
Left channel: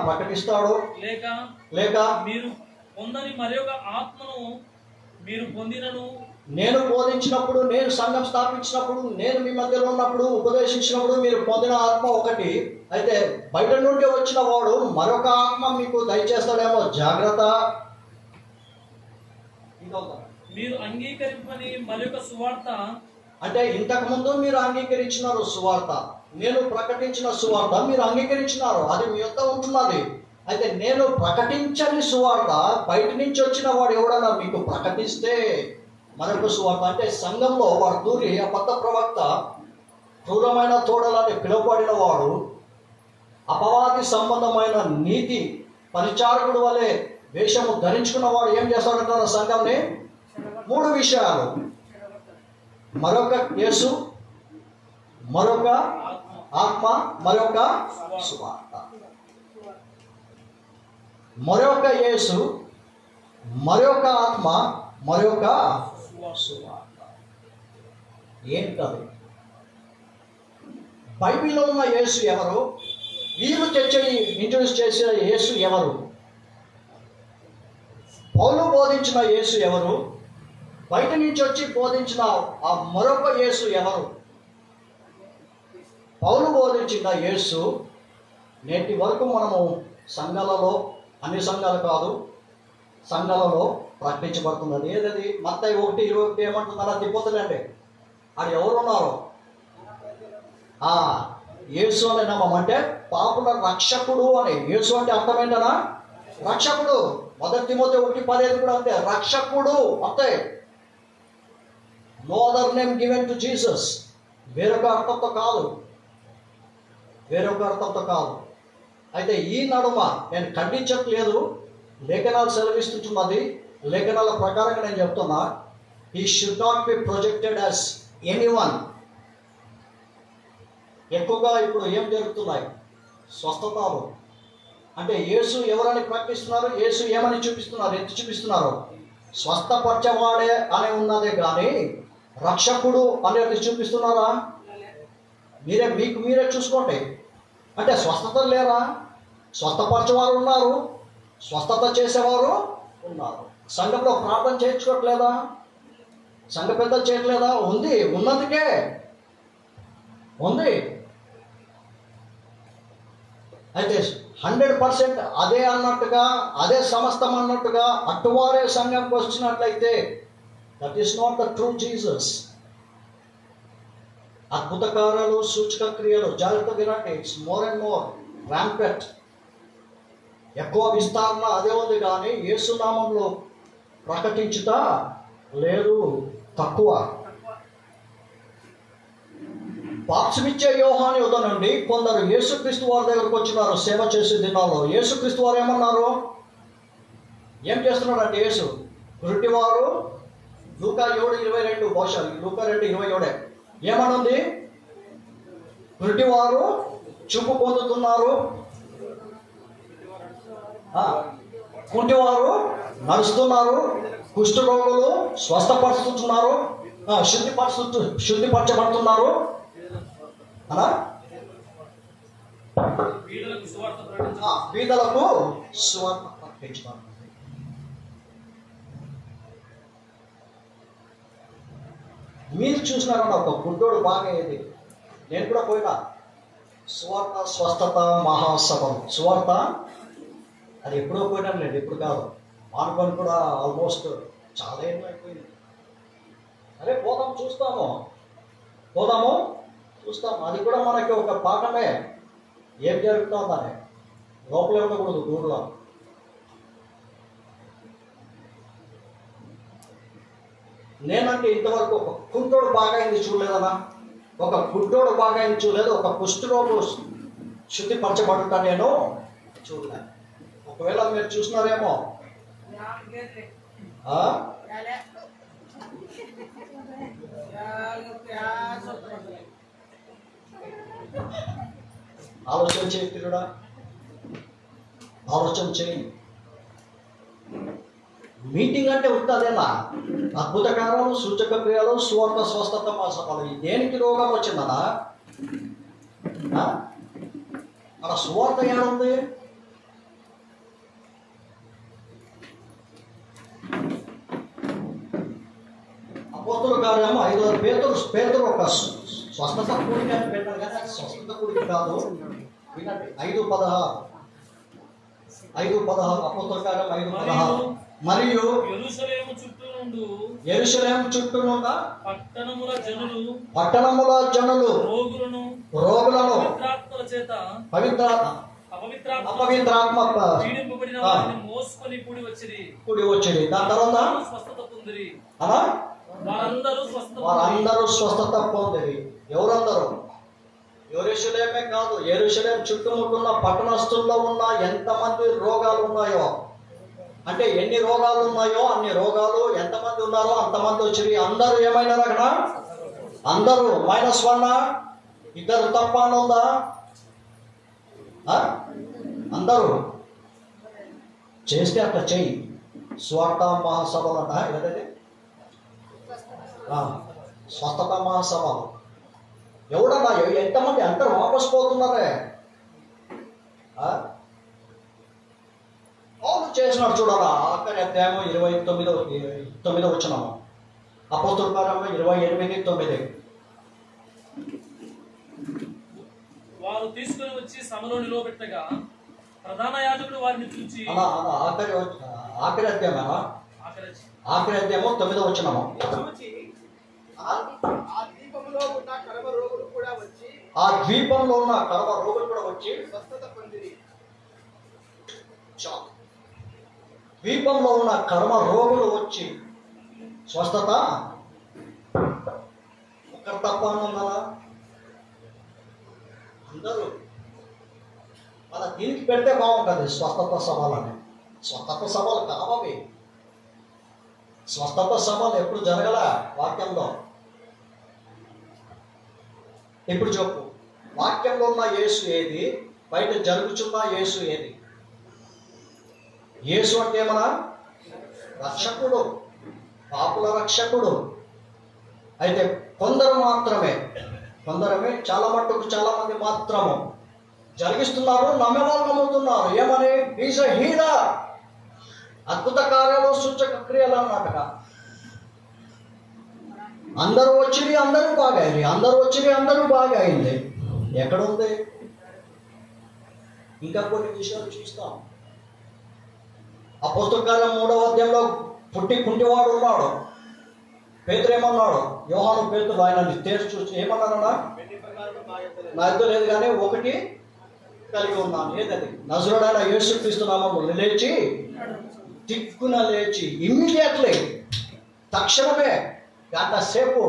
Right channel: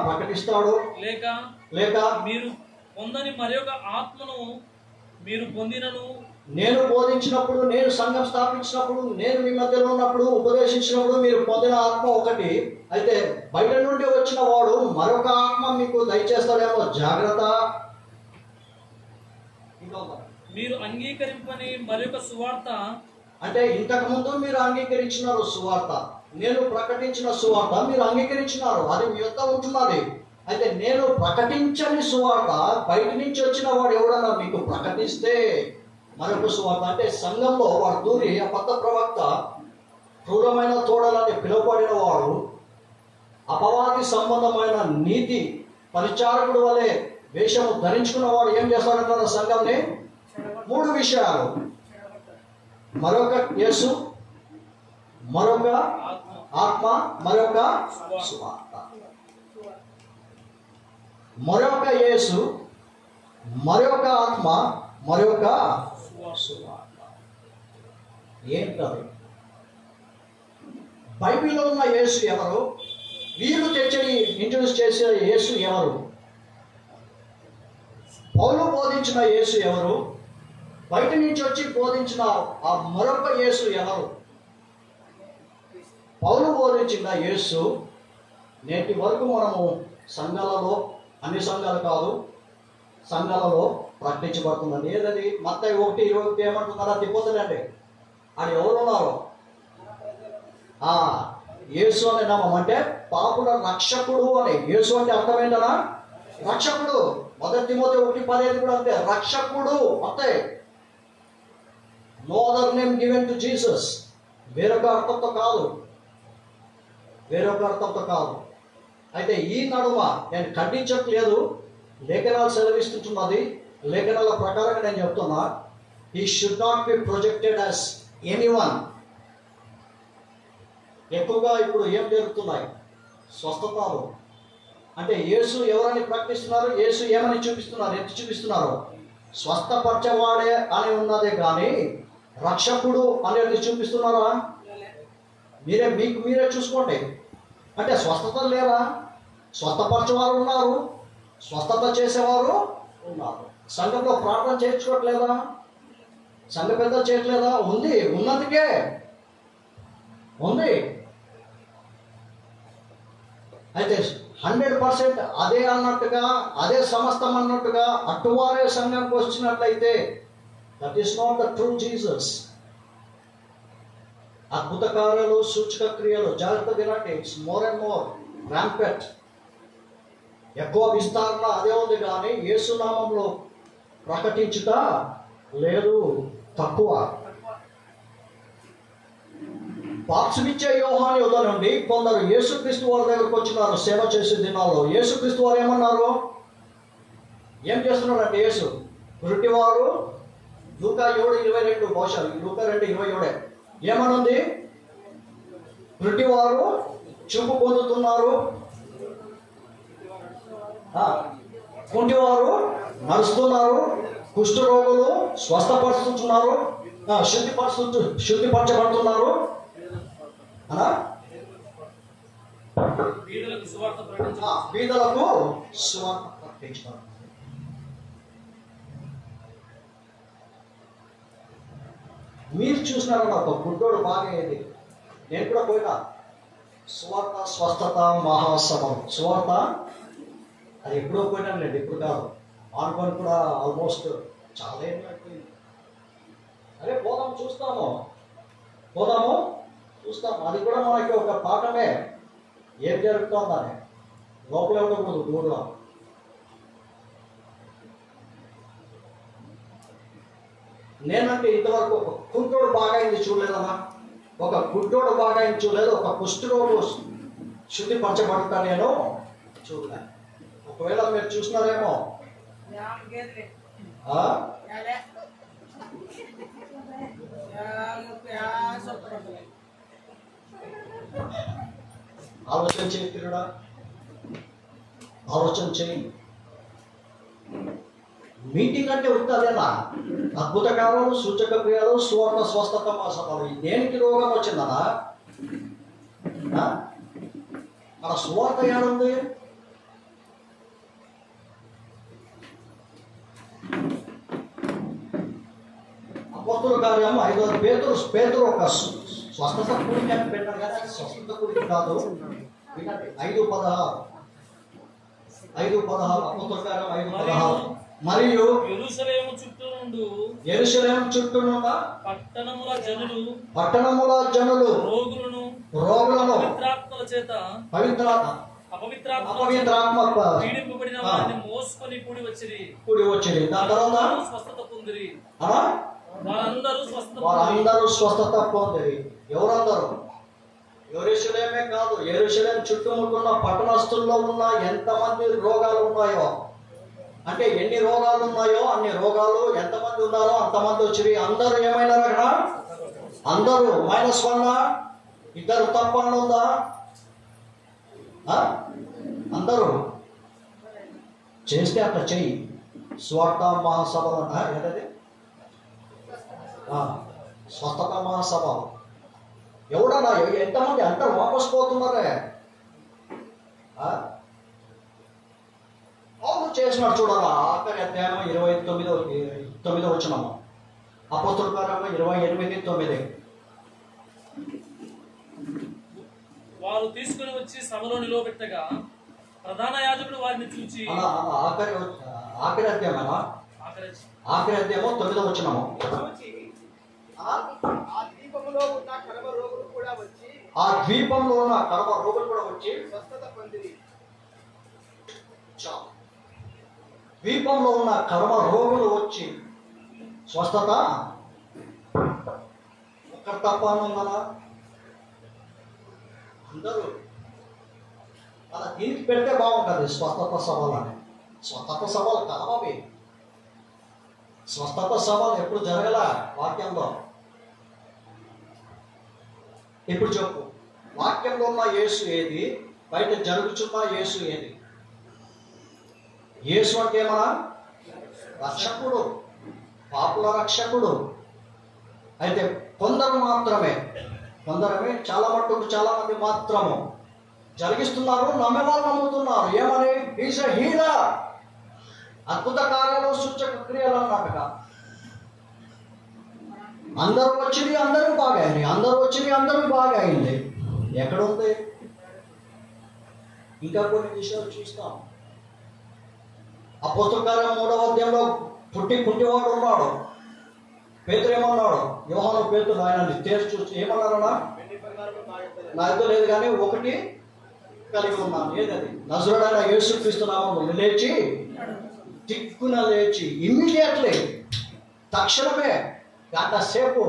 ప్రకటిస్తాడు. లేక మీరు పొందని మరొక ఆత్మను మీరు పొందినను. నేను బోధించినప్పుడు, నేను సంఘం స్థాపించినప్పుడు, నేను మీ మధ్యలో ఉన్నప్పుడు, ఉపదేశించినప్పుడు మీరు పొందిన ఆత్మ ఒకటి అయితే, బయట నుండి వచ్చిన వాడు మరొక ఆత్మ మీకు దయచేస్తాడేమో, జాగ్రత్త. మీరు అంగీకరింపని మరొక సువార్త అంటే ఇంతకుముందు మీరు అంగీకరించినారు సువార్త, నేను ప్రకటించిన సువార్త మీరు అంగీకరించినారు, అది మీ యొక్క ఉంటున్నది. అయితే నేను ప్రకటించని సువార్త బయట నుంచి వచ్చిన వాడు ఎవడన్నా మీకు ప్రకటిస్తే మరొక సువార్త, అంటే సంఘంలో వాడు దూరి అబద్ధ ప్రవక్త, క్రూరమైన తోడలని పిలువబడిన వాడు, అపవాది సంబంధమైన నీతి పరిచారకుడు వలె వేషము ధరించుకున్న వాడు ఏం చేస్తాడంటారు సంఘంని? 3 విషయాలు: మరొక యేసు, మరొక ఆత్మ, మరొక సువార్త. మరొక యేసు, మరొక ఆత్మ, మరొక సువార్త. ఏంటది? బైబిల్లో ఉన్న యేసు ఎవరు? వీళ్ళు ఇంట్రొడ్యూస్ చేసిన యేసు ఎవరు? పౌలు బోధించిన యేసు ఎవరు? బయట నుంచి వచ్చి బోధించిన ఆ మరొక యేసు ఎవరు? పౌలు బోధించిన యేసు నేటి వరకు మనము సంఘాలలో, అన్ని సంఘాలు కాదు, సంఘాలలో ప్రకటించబడుతున్నది. ఏదది? మత్తయి 1:21 ఏమంటున్నారా? తిప్పొద్దులేండి. అది ఎవరున్నారు? యేసు అనే నామం అంటే పాపుల రక్షకుడు అని. యేసు అంటే అర్థం ఏంటనా? రక్షకుడు. 1 తిమోతి 1:15 కూడా అంతే, రక్షకుడు అంతే. No other name given to Jesus. వేరొక అర్థంతో కాదు, వేరొక అర్థంతో కాదు. అయితే ఈ నడుమ నేను ఖండించట్లేదు, లేఖనాలు సెలవిస్తున్నది, లేఖనాల ప్రకారంగా నేను చెప్తున్నా. He should not be projected as anyone. ఎక్కువగా ఇప్పుడు ఏం జరుగుతున్నాయి? స్వస్థతలు. అంటే యేసు ఎవరని ప్రకటిస్తున్నారు? యేసు ఏమని చూపిస్తున్నారు? ఎంత చూపిస్తున్నారు? స్వస్థపరచవాడే అని ఉన్నదే కానీ రక్షకుడు అనేది చూపిస్తున్నారా? మీకు మీరే చూసుకోండి. అంటే స్వస్థత లేరా? స్వస్థపరచేవారు ఉన్నారు, స్వస్థత చేసేవారు ఉన్నారు. సంఘంలో ప్రార్థన చేయించుకోవట్లేదా? సంఘ పెద్దలు చేయట్లేదా? ఉంది, ఉన్నందుకే ఉంది. అయితే 100% అదే అన్నట్టుగా, అదే సమస్తం అన్నట్టుగా అటువారే సంఘంకి వచ్చినట్లయితే that is not the true Jesus. అద్భుత కార్యాలు, సూచక క్రియలు, జాగ్రత్త వినండి, ఇట్స్ మోర్ అండ్ మోర్ ర్యాంపెట్. ఎక్కువ విస్తారణ అదే ఉంది కానీ యేసునామంలో ప్రకటించుట లేదు, తక్కువ. బాప్తిసమిచ్చే యోహాను యుద్ధ నుండి కొందరు యేసుక్రీస్తు వారి దగ్గరకు వచ్చినారు సేవ చేసే దినాల్లో. యేసుక్రీస్తు వారు ఏమన్నారు? ఏం చేస్తున్నాడంటే యేసు గురుటివారు, లూకా 7:22, బహుశా లూకా 2:27 ఏమనుంది? గురుటివారు చూపు పొందుతున్నారు, కుంటివారు నడుస్తున్నారు, కుష్ఠరోగులు స్వస్థపరుస్తున్నారు, శుద్ధిపరచబడుతున్నారు, బీదలకు సువార్త ప్రకటించబడుతుంది. మీరు చూసినారన్న ఒక గుడ్డోడు బాగా ఏది, నేను కూడా పోయినా సువార్త స్వస్థత మహాసభం. సువార్త అది ఎప్పుడో పోయినాను లేదు, ఇప్పుడు కాదు, ఆనుకొని కూడా ఆల్మోస్ట్ చాలా ఏమో అయిపోయింది. అరే పోదాము చూస్తాము. అది కూడా మనకి ఒక పాఠమే. ఏం జరుగుతుందని లోపలే ఉండకూడదు, దూరంలో. నేనంటే ఇంతవరకు ఒక కుంటోడు బాగా అయింది చూడలేదన్నా, ఒక గుడ్డోడు బాగా అయింది చూడలేదు, ఒక కుష్ఠరోగు శుద్ధిపరచబడుతా నేను చూడలేదు. ఒకవేళ మీరు చూసినారేమో. ఆలోచన చేయి పిల్లడా, ఆలోచన చేయి. మీటింగ్ అంటే ఉంటుందేనా? అద్భుత కార్యాలు, సూచక క్రియలు, సువార్త స్వస్థత సభలు. దేనికి రోగం వచ్చిందనా? మన సువార్త ఏముంది? అపోస్తుల కార్యము 5వ పేతురు ఒక స్వస్థత కూడిక అని పెట్టారు కదా, స్వస్థత కూడిక కాదు. వినండి, 5:16 అపోస్తుల కార్యం 5:16. మరియు యెరూషలేము చుట్టూ నుండు యెరూషలేము చుట్టూనున్న పట్టణముల జనులు రోగులను పవిత్రాత్మల చేత అపవిత్రాత్మ పీడింపబడిన వారిని మోసుకొని కూడి వచ్చిరి. దాని తర్వాత స్వస్థత పొందిరి. వారందరూ స్వస్థత పొందిరి. ఎవరందరూ? యెరూషలేమే కాదు, యెరూషలేం చుట్టుముట్టున్న పట్టణస్తుల్లో ఉన్న ఎంతమంది రోగాలు ఉన్నాయో, అంటే ఎన్ని రోగాలు ఉన్నాయో అన్ని రోగాలు, ఎంతమంది ఉన్నారో అంతమంది వచ్చిరి. అందరూ ఏమైనా అక్కడ? అందరూ -1 ఇద్దరు తప్ప అని ఉందా? అందరూ చేస్తే అట్లా చెయ్యి. స్వార్థ మహాసభలు అంట, ఏదది స్వస్థత మహాసభ. ఎవడన్నా ఎంతమంది అందరూ వాపసు పోతున్నారే. అవును చేసినాడు చూడాలా. ఆఖరి అధ్యాయం 29 వచనము, అపోస్తలుల కార్యము 28:9. వారు తీసుకుని వచ్చి సభలో నిలవబెట్టగా ప్రధాన యాజకుడు వారిని చూచి ఆఖరి అధ్యాయమా? ఆఖరి అధ్యాయము 9వ వచనము. ఆ ద్వీపంలో ఉన్న కడవ రోగులు కూడా వచ్చి స్వస్థత పొందిరి. ద్వీపంలో ఉన్న కడవ రోగులు వచ్చి స్వస్థత. ఒక్కరు తప్ప ఉన్నారా? అందరూ. అలా దీనికి పెడితే బాగుంటుంది స్వస్థత సభలని. స్వస్థత సభలు కావవి. స్వస్థత సభలు ఎప్పుడు జరగల వాక్యంలో. ఇప్పుడు చెప్పు, వాక్యంలో ఉన్న యేసు ఏది, బయట జరుగుతున్న యేసు ఏది? యేసు అంటే ఏమన్నా? రక్షకుడు, పాపుల రక్షకుడు. అయితే కొందరమే చాలా మట్టుకు చాలా మంది మాత్రము జరిగిస్తున్నారు. నమ్మేవాళ్ళు నమ్ముతున్నారు. ఏమని? ఈజ్ ఎ హీలర్, అద్భుత కార్యాలు, సూచక క్రియలు అన్నట్టుగా. అందరూ వచ్చింది, అందరూ బాగా అయింది. అందరూ వచ్చింది, అందరూ బాగా అయింది. ఎక్కడుంది? ఇంకా కొన్ని విషయాలు చూస్తాం. అపోస్తలుల కార్యం 3వ అధ్యాయంలో పుట్టి కుంటివాడు ఉన్నాడు. పేతురు ఏమన్నాడు? యోహాను పేతురు ఆయనని తేల్చి చూసి ఏమన్నారన్నా? నా ఇద్దరు లేదు కానీ ఒకటి కలిగి ఉన్నాను. ఏదది? నజరుడైన యేసుక్రీస్తు నామములో లేచి, దిక్కున లేచి, ఇమ్మీడియట్లీ, తక్షణమే, గంట సేపు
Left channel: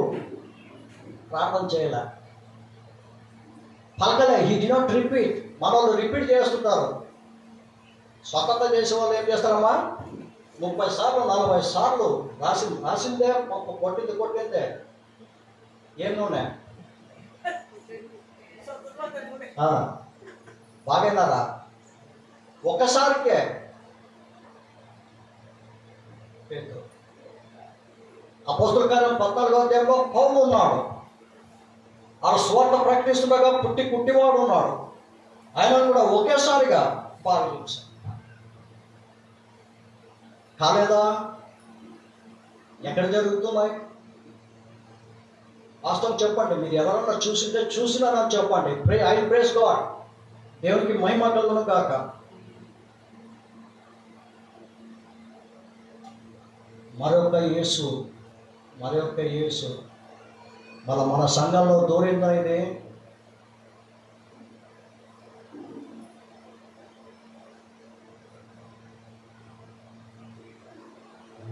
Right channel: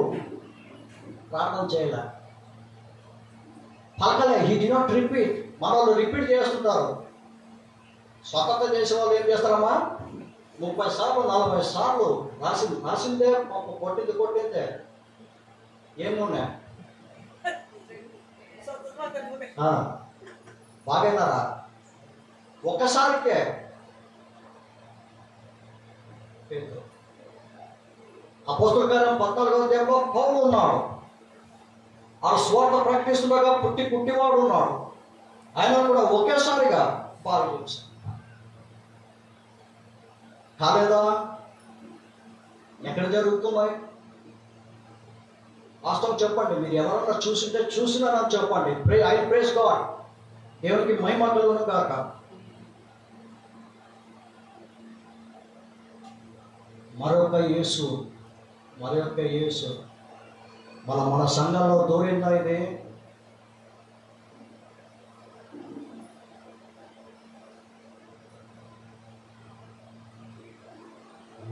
ప్రార్థన చేయాల. పలకలే. He did not repeat. మన వాళ్ళు రిపీట్ చేస్తుంటారు. స్వతంత్ర చేసే వాళ్ళు ఏం చేస్తారమ్మా? 30 సార్లు 40 సార్లు రాసిందే కొట్టిందే. ఏం నూనె? బాగైనారా? ఒక్కసారికే. అపోస్తలుల కార్యం 14వ అధ్యాయంలో పౌలు ఉన్నాడు. ఆ స్వార్థ ప్రకటిస్తుండగా పుట్టివాడు ఉన్నాడు. ఆయన కూడా ఒకేసారిగా బాగా చేశాడు. కాలేదా? ఎక్కడ జరుగుతున్నాయి? వాస్తవం చెప్పండి. మీరు ఎవరన్నా చూసింటే చూసినారని చెప్పండి. I praise God. దేవునికి మహిమ కలుగును గాక. మరొక యేసు మన సంఘంలో దూరిందా? ఇది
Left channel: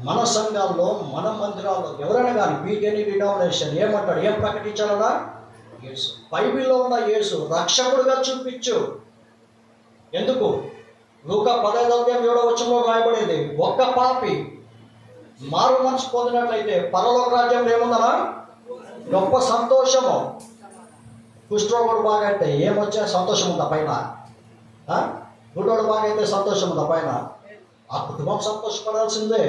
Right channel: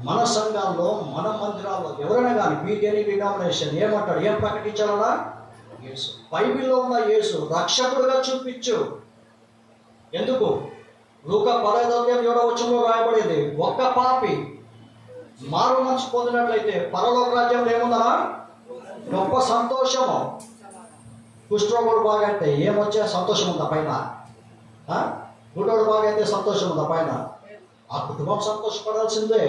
మన సంఘాల్లో, మన మందిరాల్లో ఎవరైనా కానీ బీటెనీ డినామినేషన్ ఏమంటాడు? ఏం ప్రకటించాలన్నా? యేసు. బైబిల్లో ఉన్న యేసు రక్షకుడుగా చూపించు. ఎందుకు? లూకా 15వ అధ్యాయం 7వ వచనంలో రాయబడింది, ఒక్క పాపి మారు మనసు పొందినట్లయితే పరలోక రాజ్యంలో ఏముందనా? గొప్ప సంతోషము. కుష్ఠరోగుడు బాగా అయితే ఏమొచ్చే సంతోషం ఉందా పైన? గుడ్డోడు బాగా అయితే సంతోషం ఉందా పైన? ఆ కుటుంబం సంతోషపడాల్సిందే.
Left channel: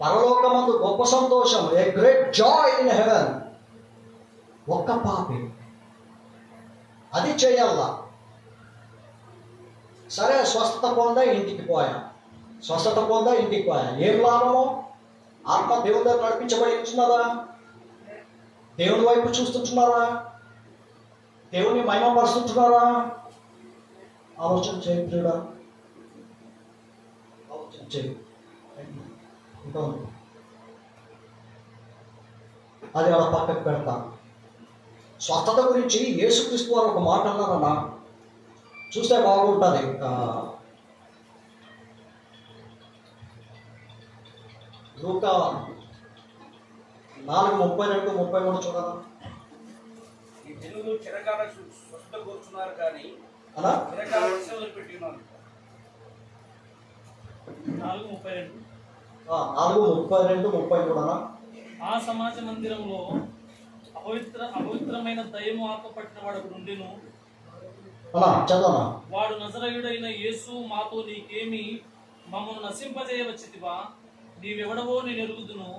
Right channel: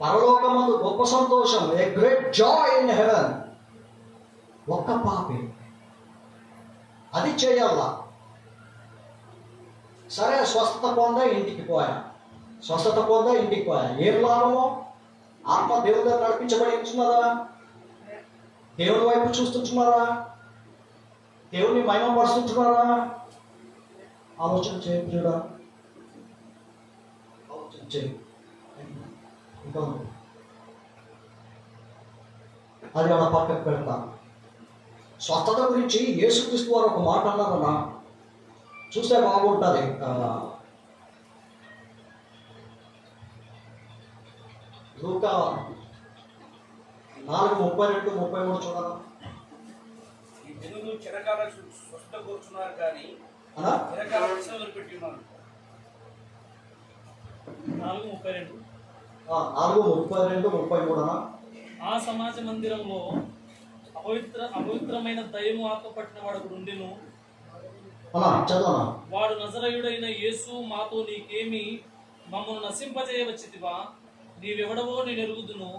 పరలోకమందు గొప్ప సంతోషం, a great Joy in heaven. ఒక్క పాపి అది చేయాలా? సరే, స్వస్థత పొందా, ఇంటికి పోయా. ఏం లాభము? ఆత్మ దేవుని దగ్గర నడిపించబడి ఇచ్చున్నారా? దేవుని వైపు చూస్తుంటున్నారా? దేవుని మహిమపరుస్తుంటున్నారా? ఆలోచన చేయ ప్రియుడా, ఆలోచన చెయ్యి ఇంకా ఉంది, అది అలా పక్కకు పెడతాను. స్వస్థత గురించి యేసుక్రీస్తు వారు ఒక మాట అన్నారన్న, చూస్తే బాగుంటుంది. లూకా 4:32-33 చూడాలా? ఈ జనులు చిరకాల స్వస్థత కోరుచున్నారు కానీ అలా చిరకాల వర్షాలు పెట్టి ఉన్నారు. 4:32. 4:32-33 ఆ సమాజ మందిరంలో అపవిత్రమైన దయ్యము ఆత్మ పట్టిన వాడు ఉండెను. అలా చదవనా? వాడు నజరేయుడైన యేసు, మాతో నీకేమి, మమ్మల్ని నశింపజేయవచ్చితివా? నీవెవడవో నేను ఎరుగుదును,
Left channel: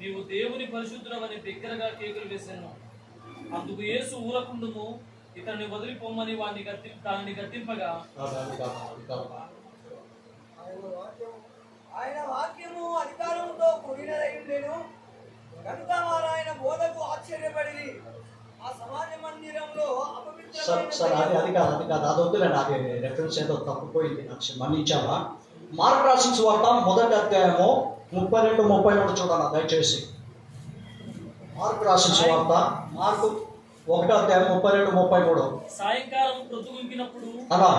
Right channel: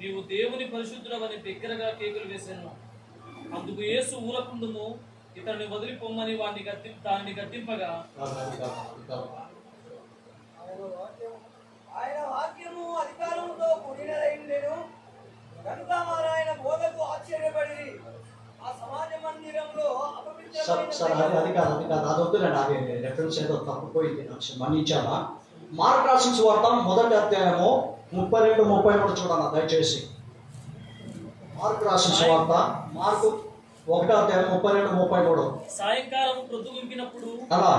నీవు దేవుని పరిశుద్ధుడవని బిగ్గరగా కేకులు వేశాను. అందుకు యేసు ఊరకుండుము, ఇతన్ని వదిలిపోమ్మని దానిని గద్దింపగా, ఆయన వాక్యము అధికారంతో కూడినదైండెను కనుక వారు ఆయన బోధకు ఆశ్చర్యపడి ఆ సమాజ మందిరంలో సార్ అది కాదు అది వద్దులేండి. అది రెఫరెన్స్ ఏదో తప్పిపోయింది, నాకు మన్నించాలా? మార్క్ రాసిన సువార్త 1వ అధ్యాయము 32-33 చూడాలా దయచేసి. మార్క్ రాసిన సువార్త మార్కు 1వ అధ్యాయం 32-33. సాయంకాలం ప్రొద్దుగుంకినప్పుడు అలా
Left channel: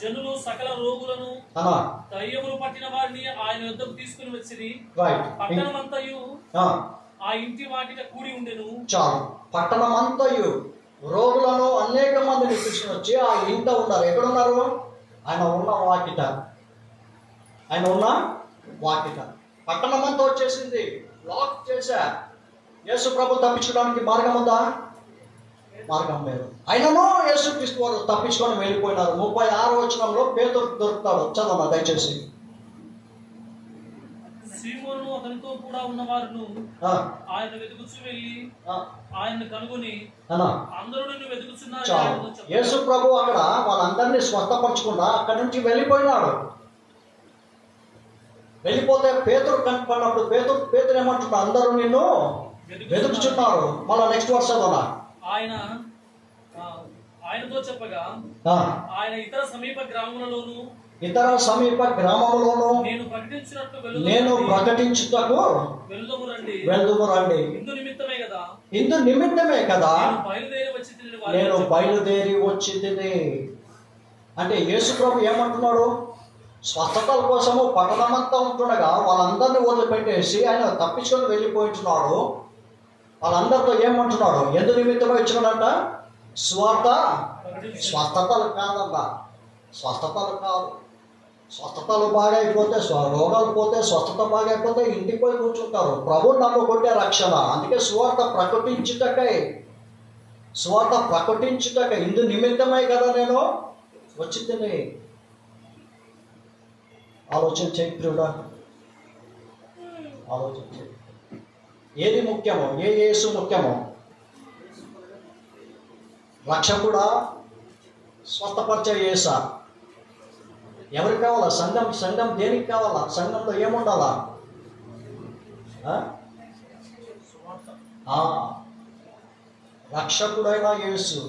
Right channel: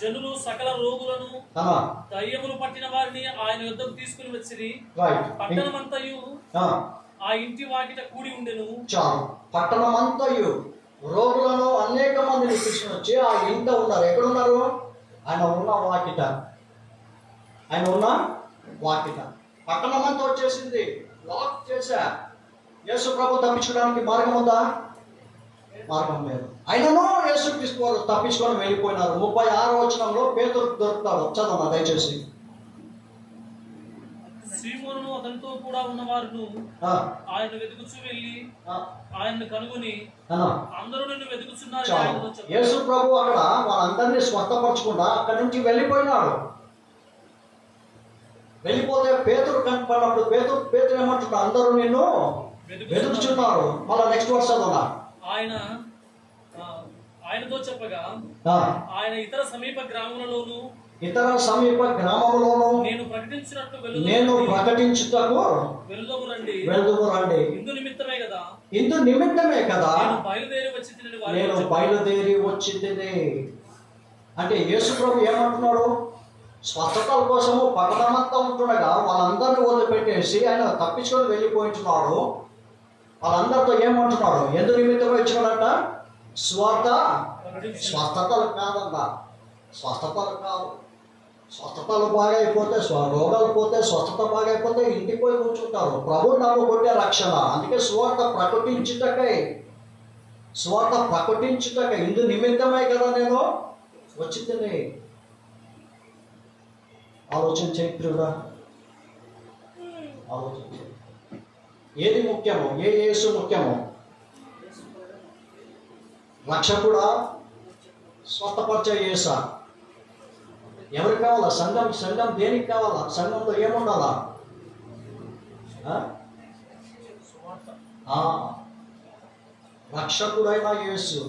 జనులు సకల రోగులను అలా దయ్యములు పట్టిన వారిని ఆయన యొద్దకు తీసుకుని వచ్చిరి. రైట్. పట్టణమంతయు ఆ ఇంటి వాకిట కూడి ఉండెను. చాలు. పట్టణమంతయు రోగులను అనేక మందిని తీసుకుని వచ్చి ఆ ఇంట ఉన్నారు. ఎక్కడున్నారు? ఆయన ఉన్న వాకిట. పట్టణమంతా వచ్చేసింది, లాక్ చేశా. యేసు ప్రభు తప్పించడానికి మార్గం ఉందా? మార్గం లేదు. అయినను యేసుక్రీస్తు వారు తప్పించుకొని వెళ్ళిపోయినారు. 36వ వచనంలో పేతురు దొరుకుతాడు, చదవనా దయచేసి. సీమోను అతనితో కూడా ఉన్నవారును ఆయన వెతుకుచూ వెళ్ళి ఆయన్ని కనుగొని, అందరూ నిన్ను వెతుకుచున్నారు. యేసు ప్రభు అక్కడ వాళ్ళందరినీ స్వస్థపరచకుండా అక్కడి నుంచి వెళ్ళిపోయినాడు. వెళ్ళిపోతే పేతురు కనపడినప్పుడు పేతురు ఏమంటున్నాడు? అందరూ నిన్ను వెతుకుచున్నారు. మళ్ళా నెక్స్ట్ వర్స్ చదవనా? ఆయనతో చెప్పగా, ఆయన ఇతర సమీప గ్రామములలోను నేను ప్రకటించుటకు వెళ్దుము రండి. ఇందు నిమిత్తమే కదా నేను బయలుదేరి వచ్చి తిని. అంటే యేసు ప్రభు ఏమంటున్నాడు? స్వస్థతల కోసము పట్టణమంతా ఉంటుండగా వాళ్ళందరినీ వదిలిపెట్టేసి ఆయన తప్పించుకొని వెళ్ళిపోయింటున్నాడు. వాళ్ళందరితో ఏమంటున్నాడు? ఎందు నిమిత్తమో ఇచ్చినాడంట? స్వస్థతలు కాదన్నా, స్వస్థతలు కాదు. స్వస్థతలు బాగా అయిపోతే, రోగాలు పోతే, స్వస్థత బాగా అయిపోతే ఇంటికి పోయి కూర్చుంటారు. ప్రభు నమ్ముకుంటే రక్షణ. అందుకే సువార్త ప్రకటించుటకై ఇందు నిమిత్తమే కదా నేను వచ్చింది. ఆలోచన చేయి ప్రియుడా, ఆలోచన చేయి. ఏది ముఖ్యమో? యేసు ముఖ్యమో? రక్షకుడా, స్వస్థపరిచే యేసా? ఎవరికి కావాలా? సంఘం దేనికి కావాలా? సంఘంలో ఏముండాలా? రక్షకుడైన యేసు.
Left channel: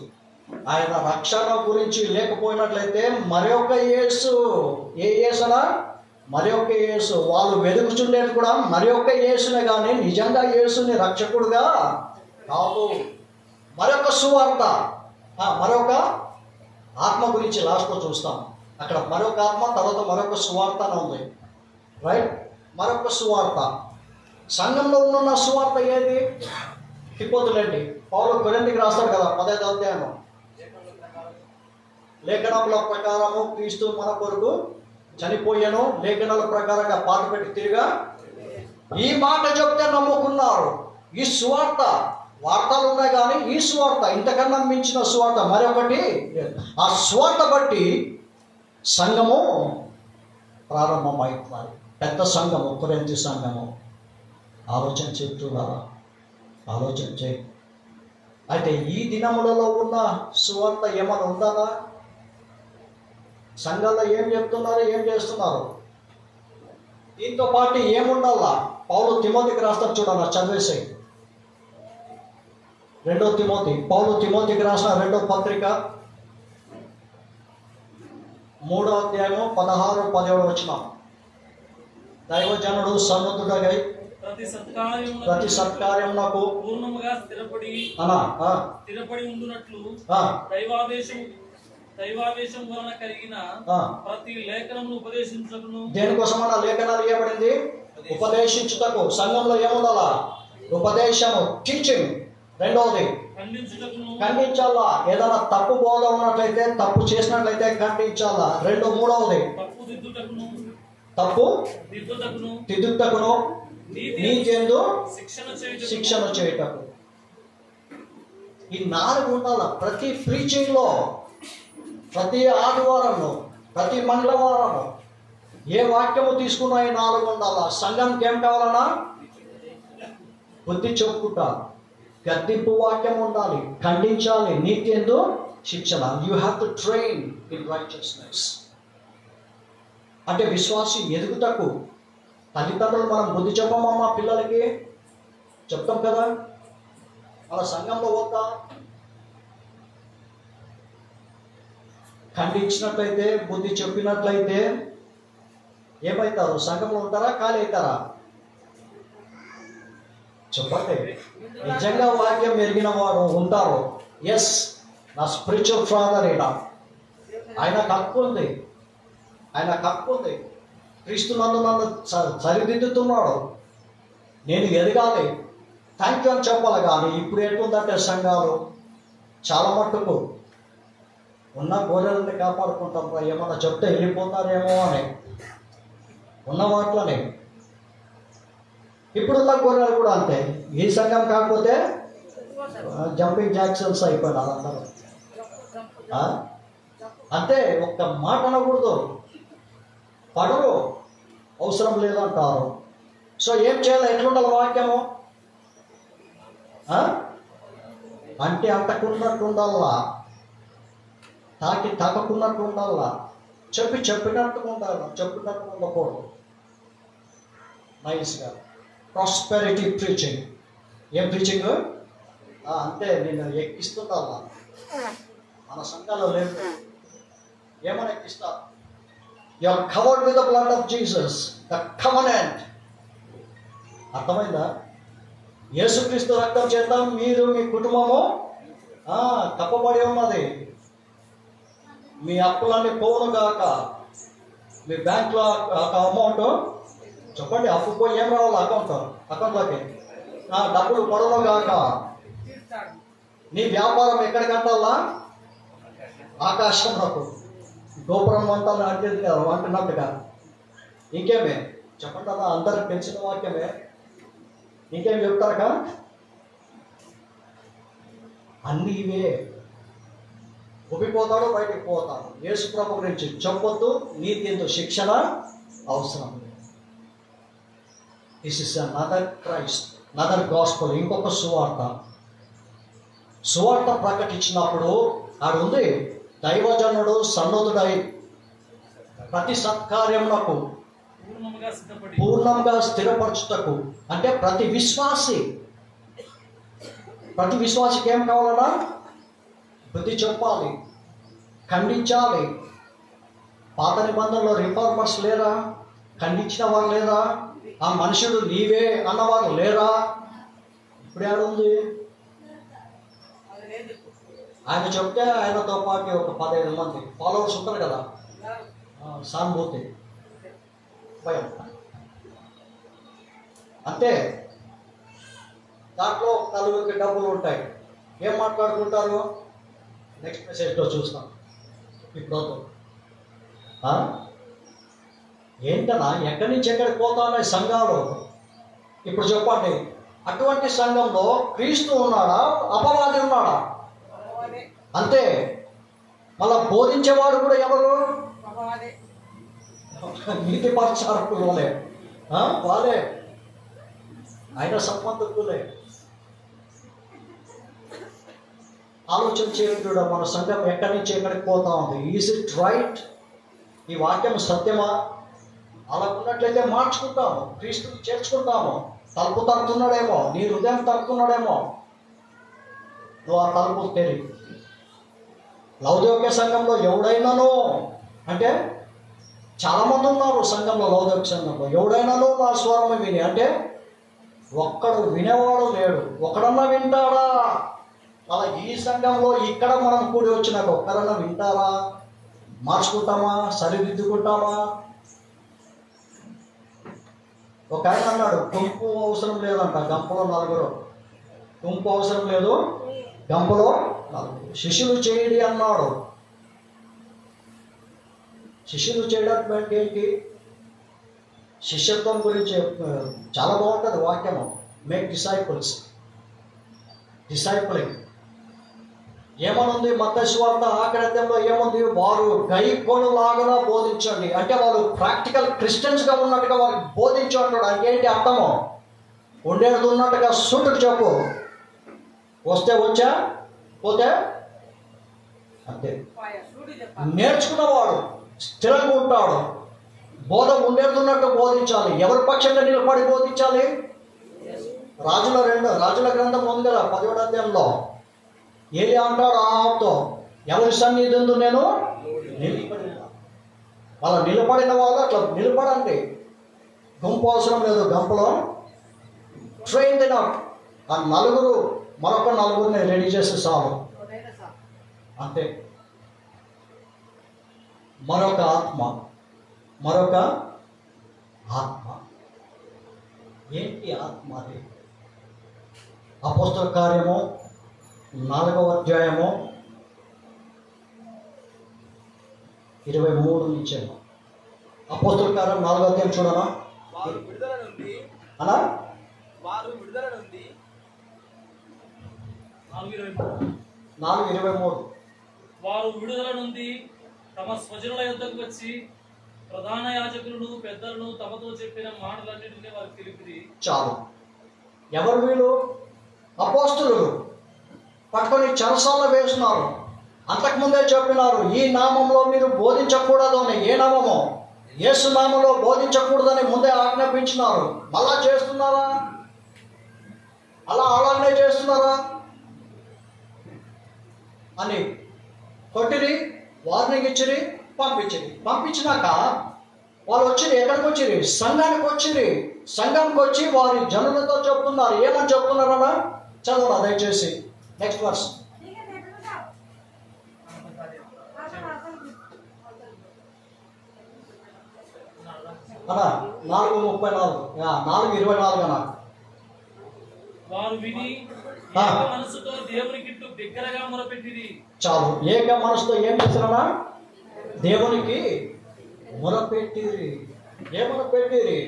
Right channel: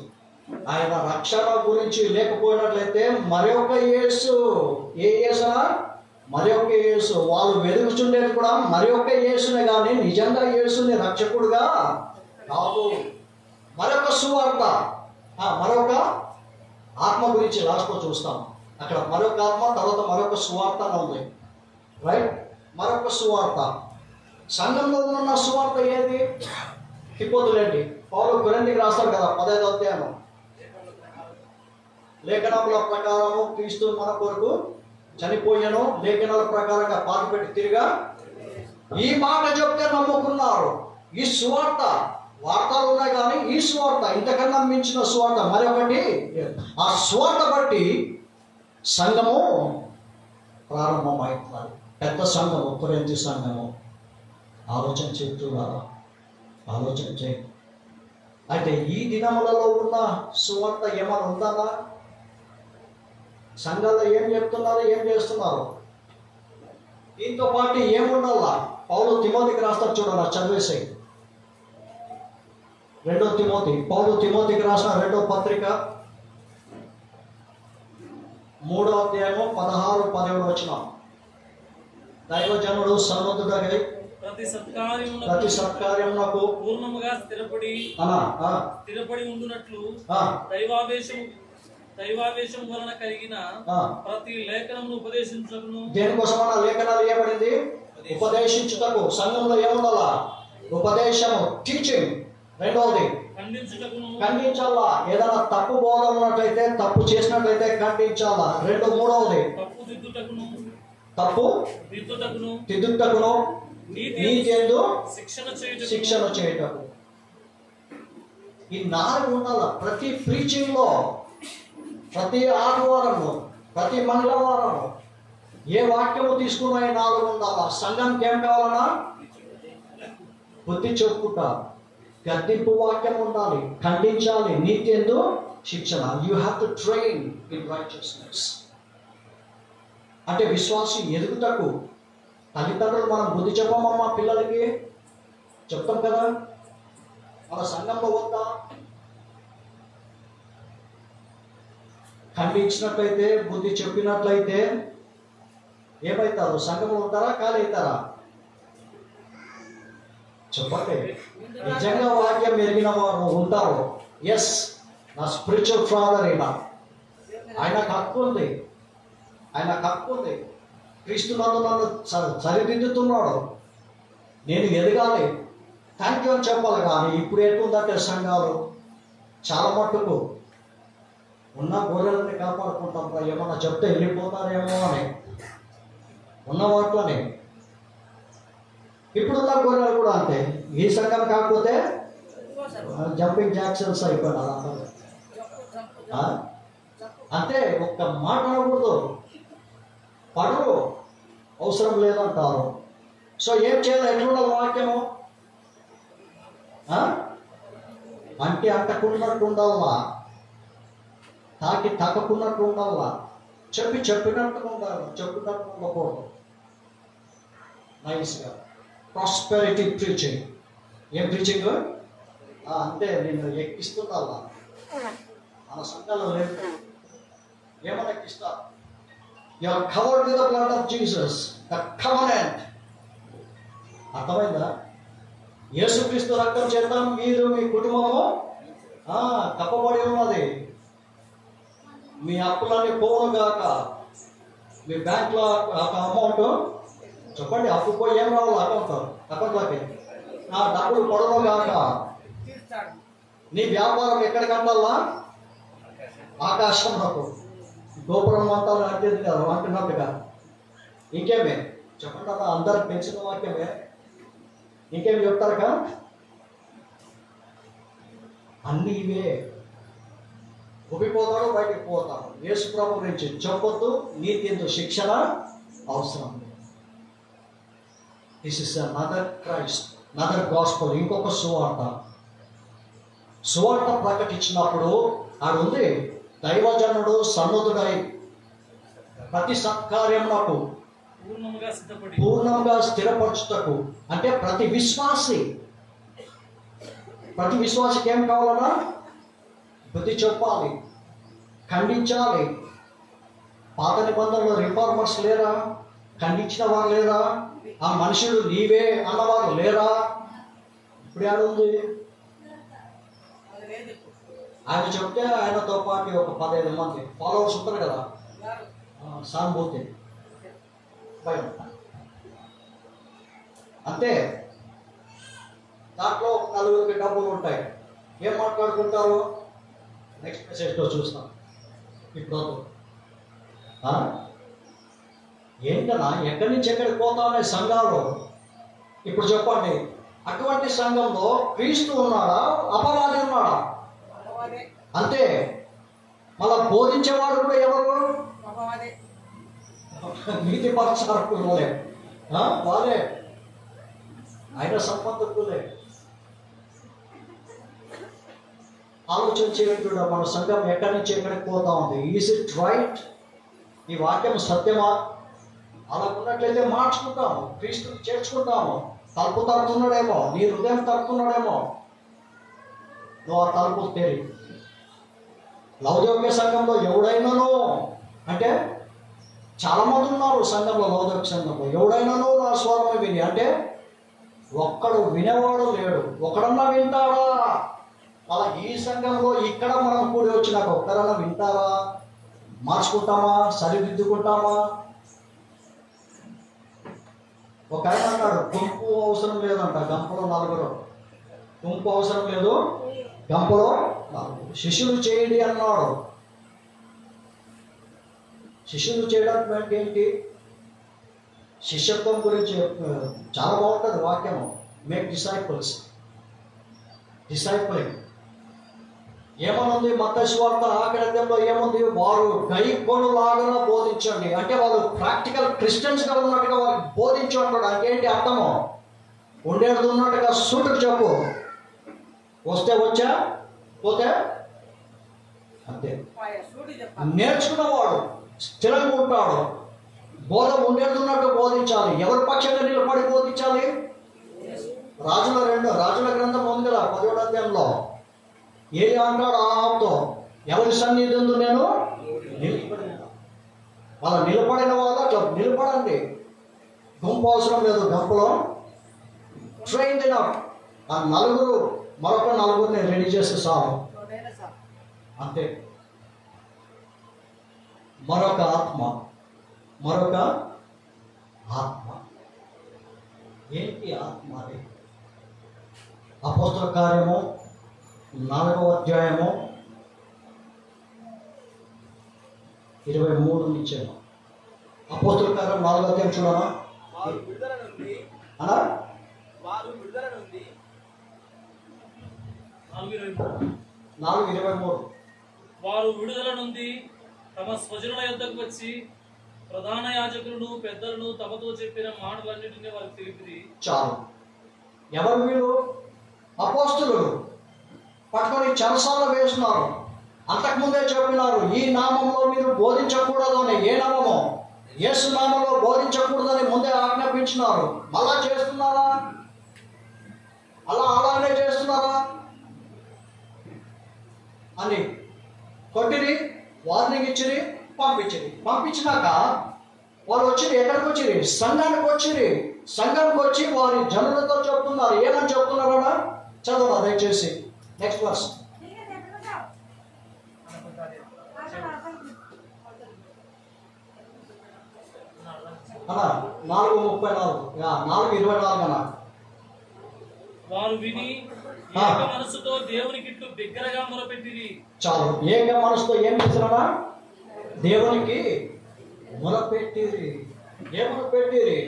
ఆయన రక్షణ గురించి లేకపోయినట్లయితే మరొక యేసు. ఏ యేసునా? మరొక యేసు. వాళ్ళు వెతుకుచుండేది కూడా మరొక యేసునే కానీ నిజంగా యేసుని రక్షకుడుగా కాదు. మరొక సువార్త, మరొక ఆత్మ గురించి లాస్ట్లో చూస్తాం. అక్కడ మరొక ఆత్మ, తర్వాత మరొక సువార్త అని ఉంది. రైట్. మరొక సువార్త. సంఘంలో ఉన్న సువార్త ఏది? తిప్పొద్దులేండి. పౌలు కొరింథీకి రాస్తాడు కదా 10వ అధ్యాయం. లేఖనముల ప్రకారము క్రీస్తు మన కొరకు చనిపోయాను, లేఖనాల ప్రకారంగా పాతిపెట్టి తిరిగా ఈ మాట చెప్తే నమ్ముకున్నారు. ఈ సువార్త వార్తలు ఉన్నాయి కానీ ఈ సువార్త, ఇంతకన్నా మించిన సువార్త మరొకటి. ఆ సువార్త బట్టి సంఘము ప్రారంభమవుతున్నారు. పెద్ద సంఘము, కొరింథీ సంఘము. ఆలోచన చేస్తున్నా, ఆలోచన చేయి. అయితే ఈ దినములలో ఉన్న సువార్త ఏమైనా ఉందా? సంఘాల్లో ఏం చెప్తున్నారు, ఏం చేస్తున్నారు? దీంతో పాటు ఏముండాలా? పౌలు తిమోతికి రాస్తాడు చూడాలి, చదివేసాయి. 2 తిమోతి. పౌలు తిమోతికి రాసిన 2వ పత్రిక 3వ అధ్యాయము 16-17 వచనం. దైవజనుడు సన్నద్ధుడై ప్రతి సత్కార్యమునకు పూర్ణముగా స్థిరపడి ఉండునట్లు దైవావేశం వలన కలిగిన ప్రతి లేఖనమును ఉపదేశించుటకును. దేనికోసమన్నా లేఖనాలు ఇవ్వబడింది? ఉపదేశించుటకు. సంఘంలో ఏముండాలా? ఉపదేశము, టీచింగ్. రెండవది ఖండించాలా. ఏదైనా తప్పు బోధ ఉన్నట్లయితే, తప్పు చేసినట్లయితే ఖండించాలా. మూడవది తప్పు దిద్దుటకును, నీతి యందు శిక్షణ చేయటకు. ఈ 4 ఉండాల ప్రతి ప్రీచింగ్ లో, ప్రతి ఆదివారము, ప్రతి మంగళవారము. ఏ వాక్యము తీసుకున్నా ఈ 4 ఉండాలా. సంఘంకి ఏం కావాలన్నా? బుద్ధి చెప్పుకుంటా, గద్దింపు వాక్యం ఉండాలి, ఖండించాలి, నీతి యందు శిక్షణ. You have to train in righteousness. అంటే విశ్వాసి ఎదుగుటకు తల్లిదండ్రులు మనం బుద్ధి చెప్పమమ్మా పిల్లలకి చెప్తాం కదా. మన సంఘంలో వద్దా ఖండించినట్లయితే, బుద్ధి చెప్పినట్లయితే ఏమవుతారు? సంఘంలో ఉంటారా? ఖాళీ అవుతారా? చెప్పండి. నిజంగా వాక్యం ఎరిగిన వారు ఉంటారు. ఎస్, నా స్పిరిచువల్ ఫాదర్ అయినా ఆయనకు హక్కు ఉంది, ఆయనకు హక్కు ఉంది. క్రీస్తు నందు నన్ను సరిదిద్దుతున్నాడు, నేను ఎదగాలి, థ్యాంక్ యూ అని చెప్పాలి. కానీ ఇప్పుడు ఎట్లుందంటే సంఘాలు చాలా మట్టుకు ఉన్న గొర్రెలని కాపాడుకుంటాం, ఏమన్నా చెప్తే వెళ్ళిపోతారేమో అని ఉన్న వాటిలోనే. ఇప్పుడున్న గొర్రెలు కూడా అంతే. ఈ సంఘం కాకపోతే జంపింగ్ జాక్సన్స్ అయిపోయినారు అందరూ. అంతే, ఒక్క మాట అనకూడదు, పడరు, అవసరం లేదంటారు. సో ఏం చేయాలి? ఎట్లుండాలి వాక్యము? అంటే అంటకున్నట్టు ఉండాలా, తాకున్నట్టు ఉండాలా, చెప్పినట్టుగా ఉండాలి, చెప్పినట్టు ఉండకూడదు. నైస్గా ప్రాస్పెరిటీ ప్రీచింగ్. ఏం ప్రీచింగ్? అంటే నేను ఎక్కిస్తుండాలా. మన సంఘాల్లో లేదు. ఏమైనా ఎక్కిస్తా? You are covered with the blood of Jesus, the covenant. అర్థమైందా? యేసుక్రీస్తు రక్తం చేత మీరు, మీ కుటుంబము కప్పబడి ఉన్నది. మీ అప్పులన్నీ పోను గాక. మీ బ్యాంక్లో అమౌంట్ చెప్పండి, అప్పు పోయి ఏం రావాలి? అకౌంట్లోకి డబ్బులు పడను గాక. నీ వ్యాపారం ఎక్కడికంటాలా? ఆకాశంలో గోపురం అంటారు అంటున్నట్టుగా. ఇంకేమే చెప్పండి అలా, అందరికి తెలిసిన వాక్యమే. ఇంకేం చెప్తారక? అన్నీ ఇవే. ఉబ్బిపోతాడు, బయటికి పోతాడు. యేసు ప్రభు గురించి చెప్పొద్దు, నీతి యందు శిక్షణ అవసరం. This is another Christ, another gospel. ఇంకొక సువార్త ప్రకటించినప్పుడు ఆడుంది, దైవజనుడు సన్నద్ధుడై ప్రతి సత్కార్యమునకు పూర్ణంగా స్థిరపరచుటకు. అంటే ప్రతి విశ్వాసికి ఏం కావాలన్నా? బుద్ధి చెప్పాలి, ఖండించాలి. పాత నిబంధనలో రిఫార్మర్స్ లేరా? ఖండించిన వారు లేరా? ఆ మనుషుడు నీవే అన్నవారు లేరా? ఇప్పుడు ఏడుంది? ఆయన చెప్తే ఆయనతో పాటు ఒక 15 మంది ఫాలోవర్స్ ఉంటారు కదా, సానుభూతి, భయం. అంతే. దాంట్లో 4 డబ్బులు ఉంటాయి. ఏం మాట్లాడుకుంటారు? నెక్స్ట్ మెసేజ్లో చూస్తాం. ఇప్పుడు ఏంటన్నా ఎక్కడి నుంచి ఎక్కడికి పోతామనే సంఘాలు. ఇప్పుడు చెప్పండి, అటువంటి సంఘంలో క్రీస్తు ఉన్నాడా? అపవాది ఉన్నాడా? అంతే. మళ్ళా బోధించేవాడు కూడా ఎవరు? నీతి పరచారకులే, వాళ్ళే, ఆయన సంబంధకులే. ఆలోచన చేయండి, మన సంఘం ఎక్కడి నుంచి ఎక్కడికి పోతా ఉంది. Is it right? ఈ వాక్యం సత్యమా? అలా ఉన్నట్లయితే మార్చుకుంటాము, క్రీస్తుని చేర్చుకుంటాము. తలుపు తడుతున్నాడేమో, నీ హృదయం తడుతున్నాడేమో, నువ్వు ఆ తలుపు తెరి. లౌదోక్య సంఘంలో ఎవడైనానో అంటే చాలామంది ఉన్నారు సంఘంలో, లౌదోక్య సంఘంలో. ఎవడైనాను నా స్వరం విని అంటే ఒక్కడు వినేవాడు లేడు. ఒకడన్నా వింటాడా? అలా ఈ సంఘంలో ఇక్కడ మనం కూడి వచ్చినాక ఒక్కరన్నా వింటారా? మార్చుకుంటామా? సరిదిద్దుకుంటామా? ఒక ఆయన అన్నాడు, గుంపు అవసరం లేదంట, గంపలో నలుగురు. గుంపు అవసరం లేదు, గంపలో నలుగురు. శిష్యులు చేయండి అన్నాడు. శిష్యులు చేయడానికి ఏంటి? శిష్యత్వం గురించి చాలా బాగుంటుంది వాక్యము. Make disciples, discipling. ఏమనుంది మత్తయి సువార్త ఆఖరి అధ్యాయంలో ఏముంది? వారు గైకొనులాగా బోధించండి. అంటే వాళ్ళు ప్రాక్టికల్ క్రిస్టియన్స్గా ఉన్నట్టుగా వారికి బోధించు అంటాడు. అంటే ఏంటి అర్థము? ఉండేది ఉన్నట్టుగా సూటుకు చెప్పు. వస్తే వచ్చా, పోతే అంతే. నేర్చుకున్నవాడు స్థిరంగా ఉంటాడు. బోధ ఉండేది ఉన్నట్టు బోధించాలి. ఎవరి పక్షంగా నిలబడి బోధించాలి? రాజుల గ్రంథం ఉంది కదా 10వ అధ్యాయంలో. ఏలి అంటాడు ఆహాబుతో, ఎవరి సన్నిధి నేను నిలబడిన. అలా నిలబడిన వాళ్ళు అట్లా నిలబడండి. గుంపు అవసరం లేదు, గంపలో ట్రైన్ ఎనఫ్. ఆ నలుగురు మరొక నలుగురిని రెడీ చేస్తే చాలు, అంతే. మరొక ఆత్మ ఏంటి ఆత్మ? అది అపోస్తల కార్యము 4వ అధ్యాయము 23 నుంచి. అపోస్తల కార్యం 4వ అధ్యాయం చూడమా? అలా 4:23. వారు విడుదల నుండి తమ స్వజనుల యొద్దకు వచ్చి ప్రధాన యాజకులను పెద్దలను తమతో చెప్పిన మాటలన్నింటినీ వారికి తెలిపిరి. చాలు. ఎవరు వీళ్ళు? అపోస్తలులు. పట్టుకొని చెరసాల వేస్తున్నారు. అంతకుముందే చెప్పినారు, ఈ నామంలో మీరు బోధించకూడదు అని. ఏ నామము? యేసు నామంలో బోధించకూడదని ముందే ఆజ్ఞాపించినారు. మళ్ళా చేస్తున్నారా? అలాగనే చేస్తున్నారా అని కొట్టిరి, వార్నింగ్ ఇచ్చిరి, పంపించినాక వాళ్ళు వచ్చిరి. ఎక్కడికి వచ్చిరి? సంఘానికి వచ్చిరి. సంఘానికి వచ్చి వారి జనులతో చెప్తున్నారు. ఏమని చెప్తున్నారన్నా చదవరా దయచేసి. Next verse. అన్నా 4:34, 4:24 అన్నా. వారు విని ఏక మనసుతో దేవునికి బిగ్గరగా మొరపెట్టిరి. చాలు. ఏక మనసుతో ఏం చేస్తారన్నా? దేవునికి మొరపెట్టిరి. ఏమొరపెట్టిరి?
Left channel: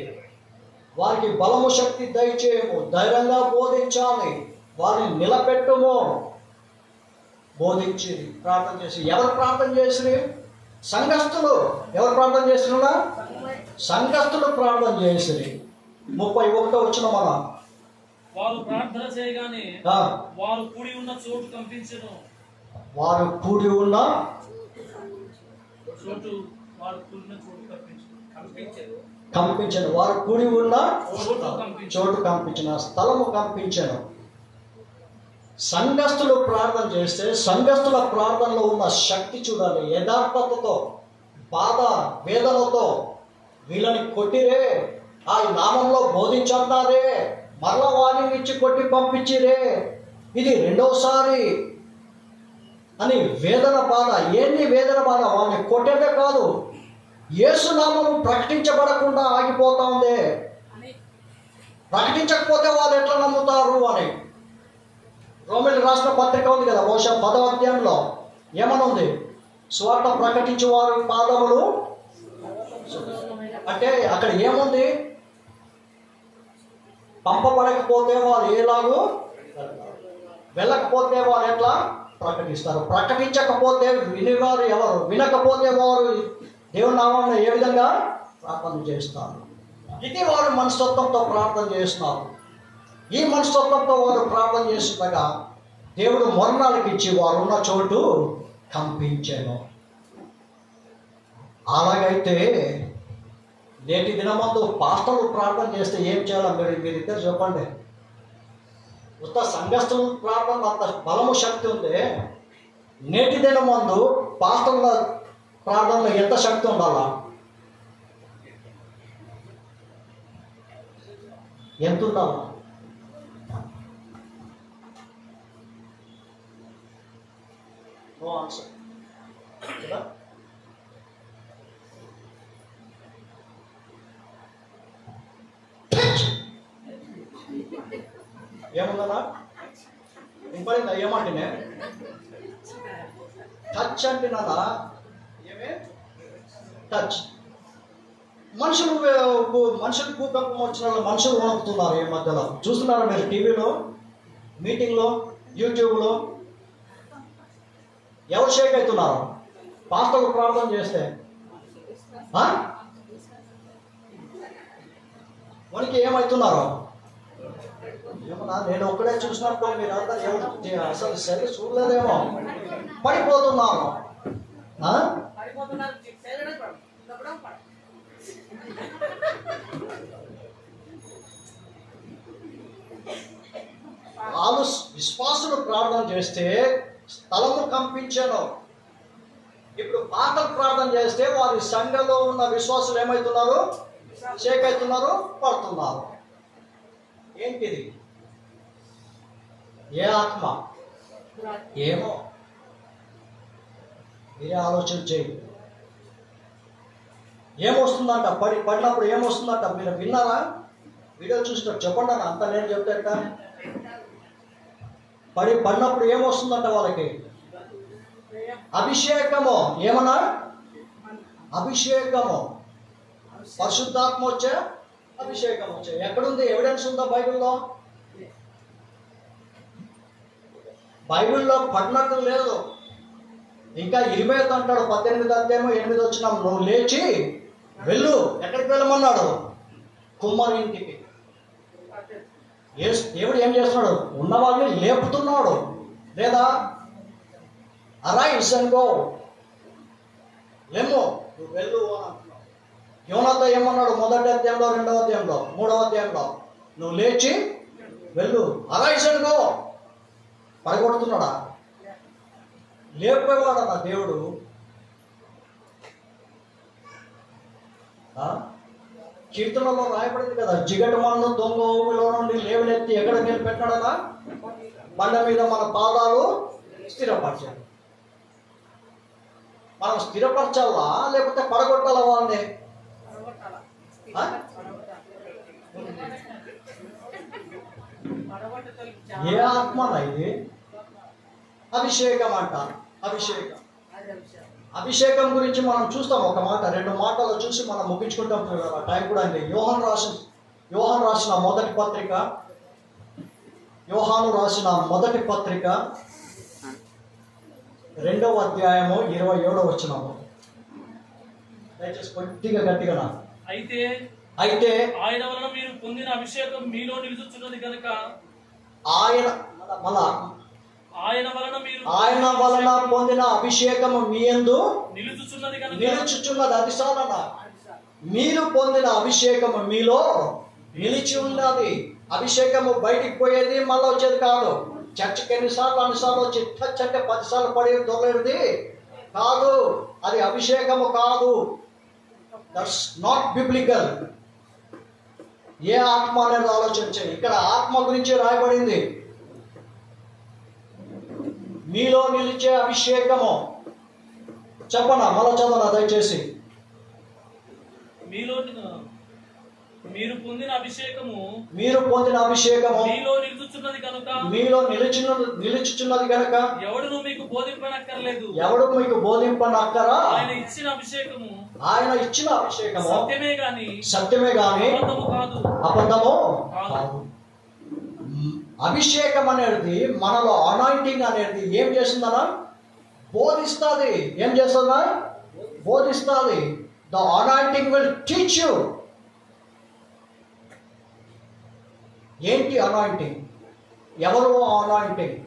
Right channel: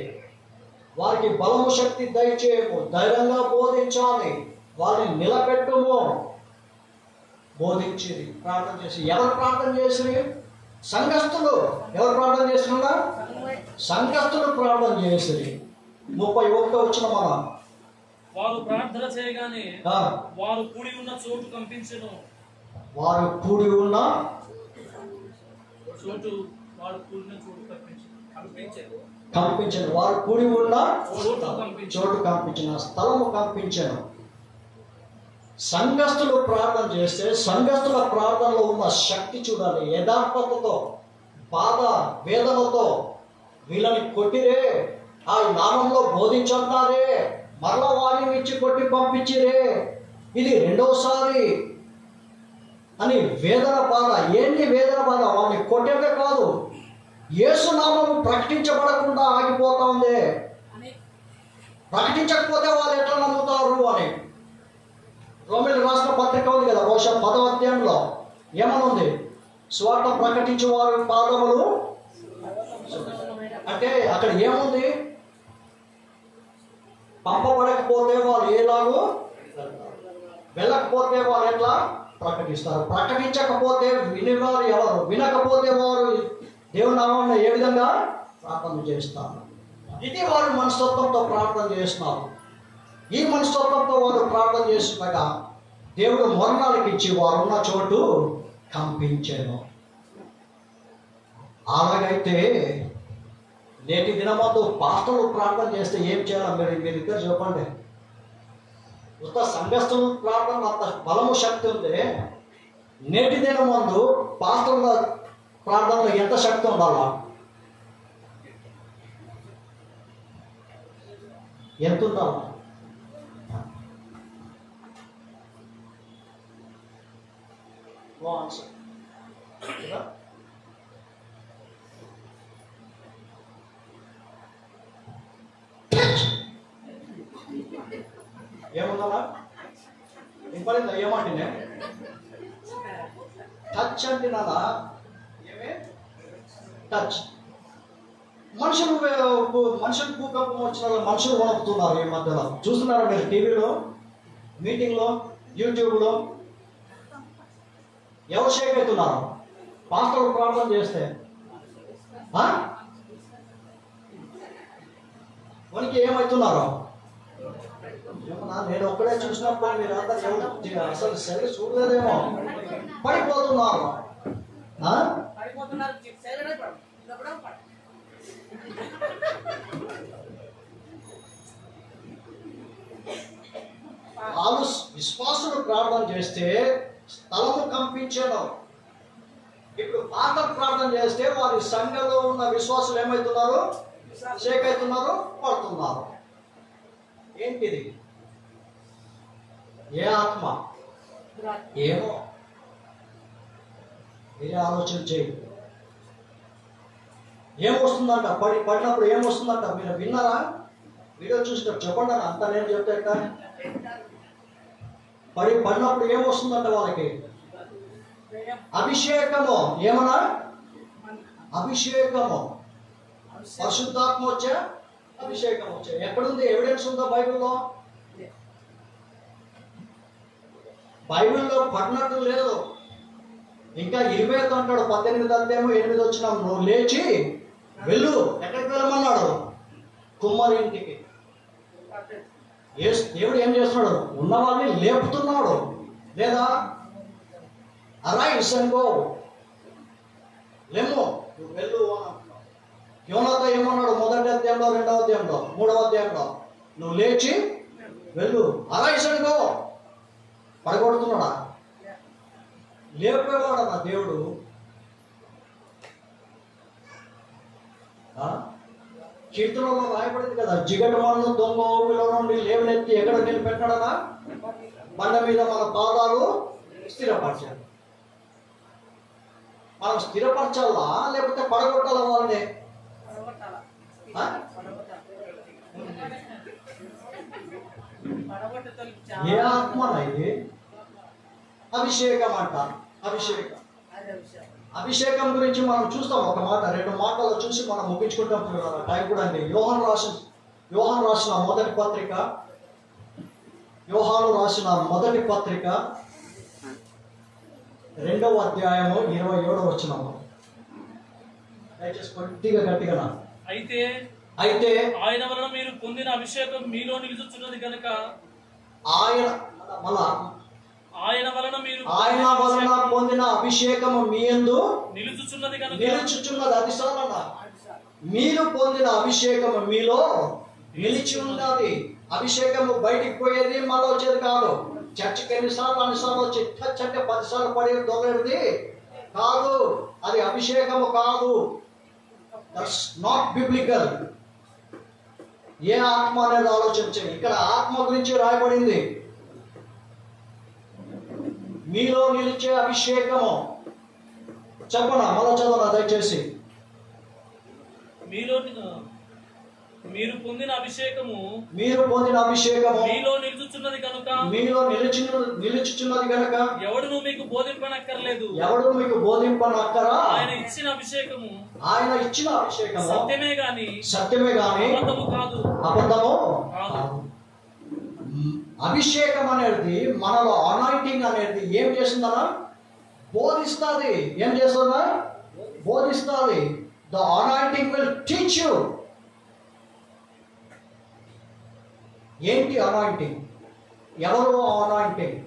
వారికి బలము శక్తి దయచేయము, ధైర్యంగా బోధించాలి, వారిని నిలబెట్టుము. బోధించిరి, ప్రార్థన చేసి. ఎవరు ప్రార్థన చేసిరి? సంఘస్థులు. ఎవరు ప్రార్థన చేస్తున్నా? సంఘస్థులు ప్రార్థన చేసిరి. 31 వచ్చిన మనం. వారు ప్రార్థన చేయగానే వారు కూడి ఉన్న చోటు కంపించెను. వారు కూడి ఉన్న చోటు కంపించను. వారు కూడి ఉన్న చోటు కంపించిన, స్థలము కంపించను. సంఘస్థులు ప్రార్థన చేస్తే సంఘస్థుల ప్రార్థనలో ఉన్న శక్తి చూడాలి. యథార్థతతో, బాధ వేదనతో వీళ్ళని కొట్టిరే, ఆ నామంలో బోధించన్నారే, మరలా వారిని ఇచ్చి కొట్టి పంపించిరే, ఇది రెండోసారి అని వేదన బాధ. ఏంటి వేదన బాధ? వారిని కొట్టేదే కాదు, యేసు నామం ప్రకటించబడకుండా ఆగిపోతా ఉంది. ప్రకటించకపోతే వాళ్ళు ఎట్లా నమ్ముతారు అని. రోమిలి రాసిన పత్రిక ఉంది కదా, బహుశా 10వ అధ్యాయంలో ఏమనుంది? స్వార్థ ప్రకటించే వారి పాదములు. అంటే అక్కడ ఏముంది? పంపబడకపోతే వాళ్ళు ఏలాగూ, వెళ్ళకపోతే వారు ఎట్లా ప్రకటిస్తారు? ప్రకటించకపోతే వినేవారు ఎవరు? వినకపోతే వారు దేవుని నామాన్ని ఏ విధంగా ప్రార్థన చేస్తారు? ఇది వారు మనస్తత్వంతో ప్రార్థన చేస్తున్నారు. ఈ మనస్తత్వంతో వారు ప్రార్థన చేస్తుండగా దేవుడు మరణాలకు ఇచ్చి వారు ఉన్న చోటు కంపించాను. అలాగైతే నేటి దినమందు పాస్టర్లు ప్రార్థన చేస్తే ఏం చేయాలి? మీరిద్దరు చెప్పండి. ఉత్త సంఘస్థులు ప్రార్థన అంత బలము శక్తి ఉంది. నేటి దినమందు పాస్టర్ల ప్రార్థనలో ఎంత శక్తి ఉండాలా? ఎంత ఉండాలి? నో ఆన్సర్ కదా. ఏమన్నా ఇంపడిందా? ఏమంటేనే టచ్ అంటే నాన్న ఏమే టచ్. మనుషులు భూకంపం వచ్చిన మనుషులు వణుకుతున్నారు. ఈ మధ్యలో చూస్తున్నారా మీరు? టీవీలో, మీటింగ్లో, యూట్యూబ్లో ఎవరు షేక్ అవుతున్నారు? పాస్టర్లు ప్రార్థన చేస్తే మనకి ఏమవుతున్నారు? ఏమన్నా నేను ఒక్కడే చూసినప్పుడు మీరు అంతా ఎవరు అసలు సరిగ్గా చూడలేదేమో, పడిపోతున్నారు. వాళ్ళు విశ్వాసులు ప్రార్థన చేస్తే స్థలము కంపించాను. ఇప్పుడు పాటలు ప్రార్థన చేస్తే వారి సంఘంలో ఉన్న విశ్వాసులు ఏమవుతున్నారు? షేక్ అవుతున్నారు, పడుతున్నారు. ఏంటిది? ఏ ఆత్మ? ఏమో మీరే ఆలోచన చేయండి. ఏమొస్తుందంట? పడినప్పుడు ఏమొస్తుందంట? మీరు విన్నారా? వీడియో చూసినట్టు చెప్పండి. అంత నేను చెప్తాట. పడినప్పుడు ఏమొస్తుందంట వాళ్ళకి? అభిషేకము. ఏమన్నా? అభిషేకము. పరిశుద్ధాత్మ వచ్చే, అభిషేకం వచ్చే. ఎక్కడుంది? ఎవిడెన్స్ ఉందా బైబిల్లో? బైబిల్లో పడినట్టు లేదు. ఇంకా 20 అంటాడు, 18 అధ్యాయం 8 వచ్చినాం. నువ్వు లేచి వెళ్ళు. ఎక్కడికి వెళ్ళమన్నాడు? కుమ్మరి ఇంటికి. దేవుడు ఏం చేస్తున్నాడు? ఉన్న వాళ్ళని లేపుతున్నాడు. లేదా అరైజ్ అండ్ గో, లేము నువ్వు వెళ్ళు అని అంటున్నావు. యోనాతో ఏమన్నాడు? 1వ అధ్యాయంలో, 2వ అధ్యాయంలో, 3వ అధ్యాయంలో నువ్వు లేచి వెళ్ళు, అరైజ్ అండ్ గో. పడగొడుతున్నాడా? లేపేవాడా నా దేవుడు? కీర్తనలో రాయబడింది కదా, జిగటమాను దొంగ ఊపిలో నుండి లేవనెత్తి ఎక్కడ నిలబెట్టాడనా? బండ మీద మన పాదాలు స్థిరపరచాలి. మనం స్థిరపరచాలా లేకపోతే పడగొట్టాలా వాళ్ళని? ఏ ఆత్మనా ఇది? అభిషేకం అంటారు. అభిషేకం. అభిషేకం గురించి మనం చూస్తాం. ఒక మాట 2 మాటలు చూసి మనం ముగించుకుంటాం. టైం కూడా అండి. యోహాను రాసిన మొదటి పత్రిక, యోహాను రాసిన మొదటి పత్రిక 2వ అధ్యాయము 27వ వచనము. దయచేసి కొద్దిగా గట్టిగా. అయితే ఆయన వలన మీరు పొందిన అభిషేకం మీలో నిలుచుచున్నది కనుక, ఆయన వలన పొందిన అభిషేకము మీ యందు నిలుచుచున్నది. అది సాలన. మీరు పొందిన అభిషేకము మీలో నిలిచి ఉన్నది. అభిషేకము బయటికి పోయేది, మళ్ళీ వచ్చేది కాదు. చర్చకి అన్నిసార్లు వచ్చి టచ్ అంటే 10 సార్లు పడి దొరలేది కాదు. అది అభిషేకము కాదు. That's not biblical. ఏ ఆత్మ అనేది ఆలోచించండి. ఇక్కడ ఆత్మ గురించి రాయబడింది. మీలో నిలిచే అభిషేకము. చెప్పనా? మళ్ళా చదవనా దయచేసి. మీరు పొందిన అభిషేకము మీలో నిలుచుచున్నది కనుక ఎవడును మీకు బోధింపనక్కరా. ఆయన ఇచ్చిన అభిషేకము సత్యమే గాని అబద్ధము కాదు. అభిషేకం అనేది మనలో అనాయింటింగ్ అనేది ఏం చేస్తుందనా? బోధిస్తుంది. ఏం చేస్తుందా? బోధిస్తుంది. The anointing will teach you. ఏంటి అనాయింటింగ్? ఎవరు అనాయింటింగ్?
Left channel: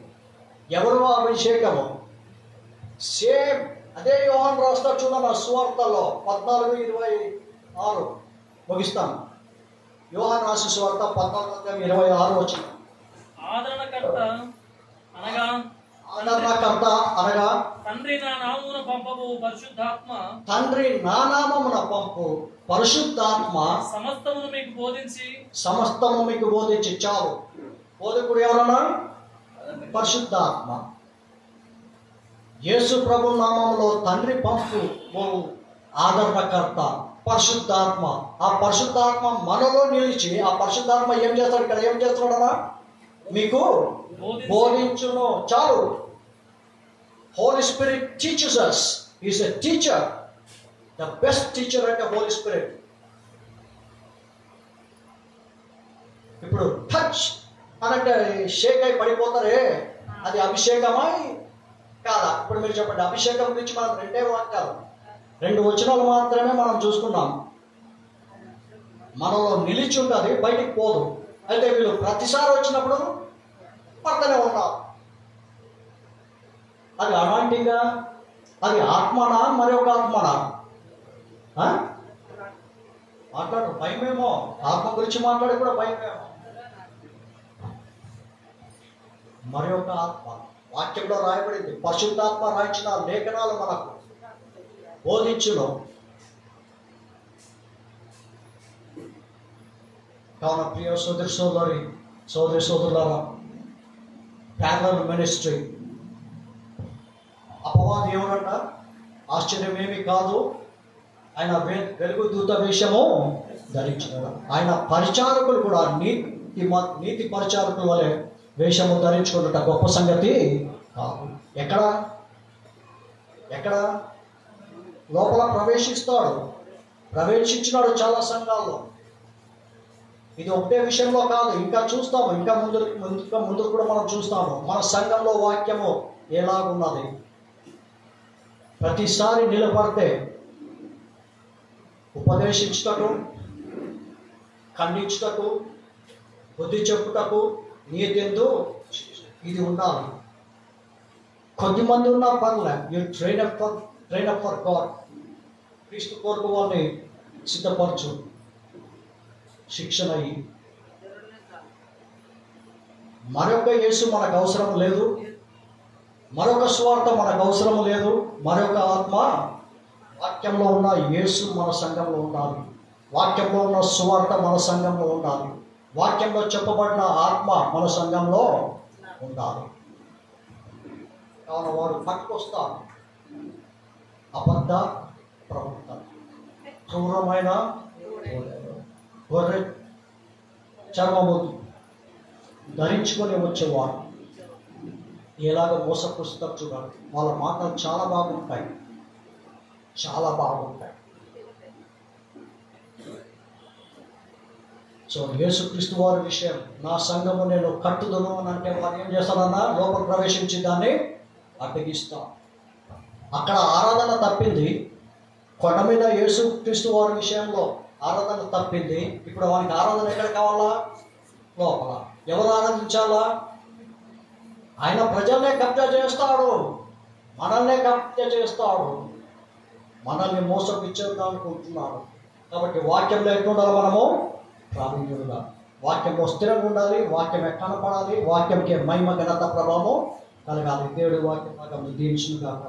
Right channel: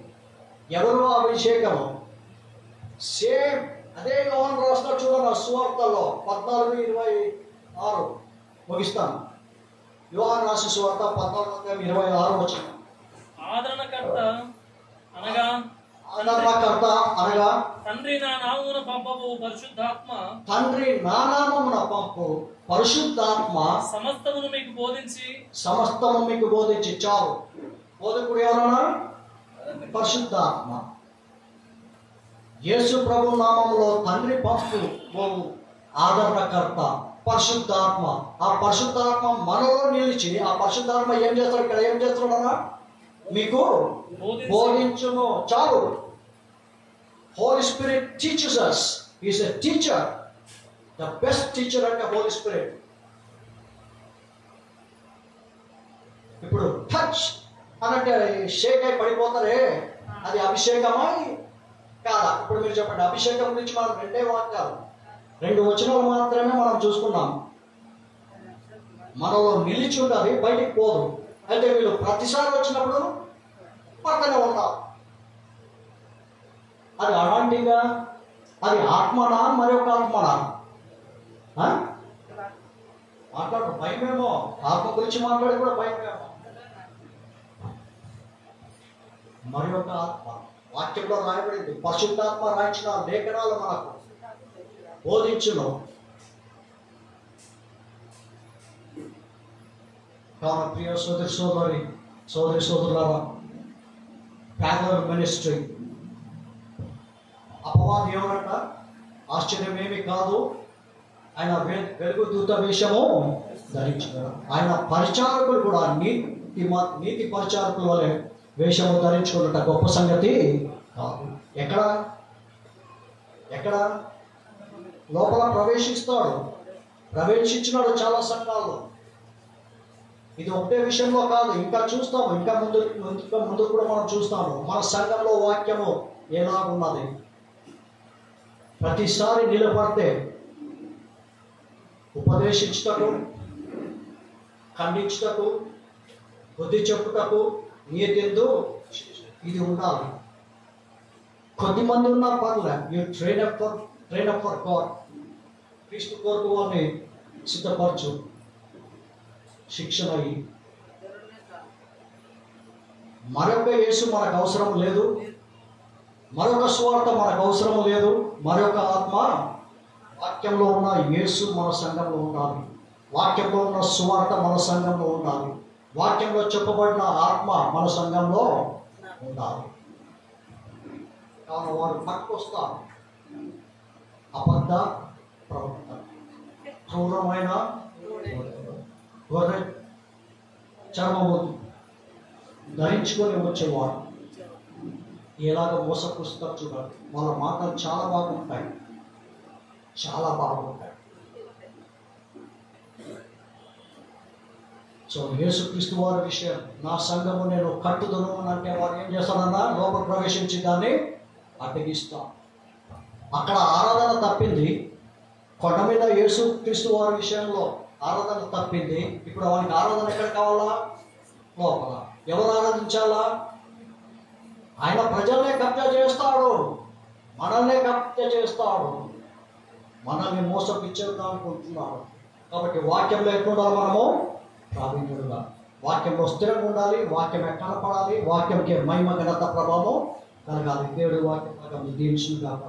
ఎవరు అభిషేకము? సేమ్ అదే యోహాను రాస్తాడు చూడన్న సువార్తల్లో 14:26 ముగిస్తాను. యోహాను రాసిన సువార్త 14:26 వచ్చిన. ఆదరణకర్త అనగా తండ్రి నా నామమున పంపబో పరిశుద్ధాత్మ తండ్రి నా నామమున పంపు పరిశుద్ధాత్మ సమస్తమును మీకు బోధించి సమస్తము మీకు బోధించి. చాలు. బోధకుడు ఎవరన్నా? పరిశుద్ధాత్మ. యేసు ప్రభు నామములో తండ్రి పంపు ఆదరణకర్త పరిశుద్ధాత్మ. ఆ పరిశుద్ధాత్మ మనలో నిలిచి ఆ పరిశుద్ధాత్మ ఏం చేస్తాడు? ఇక్కడ ఏం చేస్తున్నాడన్నా? మీకు బోధించును. చాలు. Holy Spirit teachers us. He is a teacher. The best teacher అంటే హోలీ స్పిరిట్. ఇప్పుడు టచ్ అనంటే షేక్ అయి పడిపోతారే, అది అభిషేకమా కాదా? ఇప్పుడు మీరు చెప్పండి. అభిషేకం గురించి మనం రెండే వాక్యాలు, 2 వచనాలు మాత్రమే మనం చూసుకున్నాం. మనలో నిలిచి ఉంటుంది, బయటికి పోదు. అయితే వీళ్ళు ప్రతిసారి వచ్చినప్పుడు పక్కనే ఉంటారు. అది అలాంటిగా, అది ఆత్మనా మరి ఒక ఆత్మనా? మాట్లాడు. భయమేమో. ఆత్మ గురించి మాట్లాడి కూడా భయమేమో. మరి ఒక ఆత్మ వాక్యంలో రాయబడింది. పరిశుద్ధాత్మ రాయించిన లేఖనాలు మనకు బోధించును. కావున ప్రియ సోదరి సోదరులారా, ప్యారలల్ మినిస్ట్రీ అపవాది ఏమన్నట? ఆశ్చర్యమేమి కాదు, ఆయన వెలుగు దూత వేషము ధరించినాడు. ఆయన పరిచారకులు కూడా నీతి పరిచారకుల వలె వేషము ధరించుకున్నట గొప్ప సంగతి కాదు. ఎక్కడ లోపల ప్రవేశించినాడు చాలా సంఘాల్లో. ఇది ఒకటే విషయంలో కాదు, ఇంకా చూస్తాము. ఇంకా ముందు కూడా మనం చూస్తాము. మన సంఘంలో వాక్యము ఎలాగున్నది. ప్రతిసారి నిలబడితే ఉపదేశించుటకు, ఖండించుటకు, బుద్ధి చెప్పుటకు, నీతిందు ఇది ఉండాలి. కొద్దిమంది ఉన్నా పర్లే. You train up for God. క్రీస్తు కొరకు వాళ్ళని సిద్ధపరచు. శిక్షణ అయ్యి మరొక యేసు మనకు అవసరం లేదు, మరొక స్వార్థ మనకు అవసరం లేదు. మరొక ఆత్మ, వాక్యంలో ఉన్న యేసు మన సంఘంలో ఉండాలి. వాక్యంలో ఉన్న స్వార్థ మన సంఘంలో ఉండాలి. వాక్యంలో చెప్పబడిన ఆత్మ మన సంఘంలో ఉండాలి. కావున వారు పట్టుకొస్తారు అబద్ధ ప్రవర్తన, క్రూరమైన గొర్రె చర్మము ధరించుకొని వచ్చేవారు ఎలాగ మోసపుస్తారు చూడాలి. వాళ్ళ మాటలు చాలా బాగుంటాయి. సో యేసుక్రీస్తు వారి విషయం, నా సంఘము నేను కట్టుదను అని అంటే వారు ఏం చేస్తారన్నా? లోపల ప్రవేశించి దాన్ని అడ్డగిస్తాం. అక్కడ ఆరాధన తప్పింది. కొండ మీద యేసుక్రీస్తు వారి విషయంలో ఆరాధన తప్పింది. ఇప్పుడు వానికి ఆరాధన ఎక్కడ కావాలా? లోపల. ఎవరు ఆరాధించాలా? ఆయన ప్రజల్నే కబ్జా చేస్తాడు, మనల్నే కబ్జా చేస్తాడు, మనల్ని మోసపిచ్చేదానుకుంటున్నాడు. కాబట్టి వాక్యంలో ఎట్లుండాలి? మనము ప్రావీణ్యులుగా వాక్యంలో స్థిరంగా ఉండాలి. వాక్యం కనపడాలి. వాక్యంకి మహిమ ఘనత ప్రభావం కలగాలి. దేవుడి వాక్యం దీవించును గాక.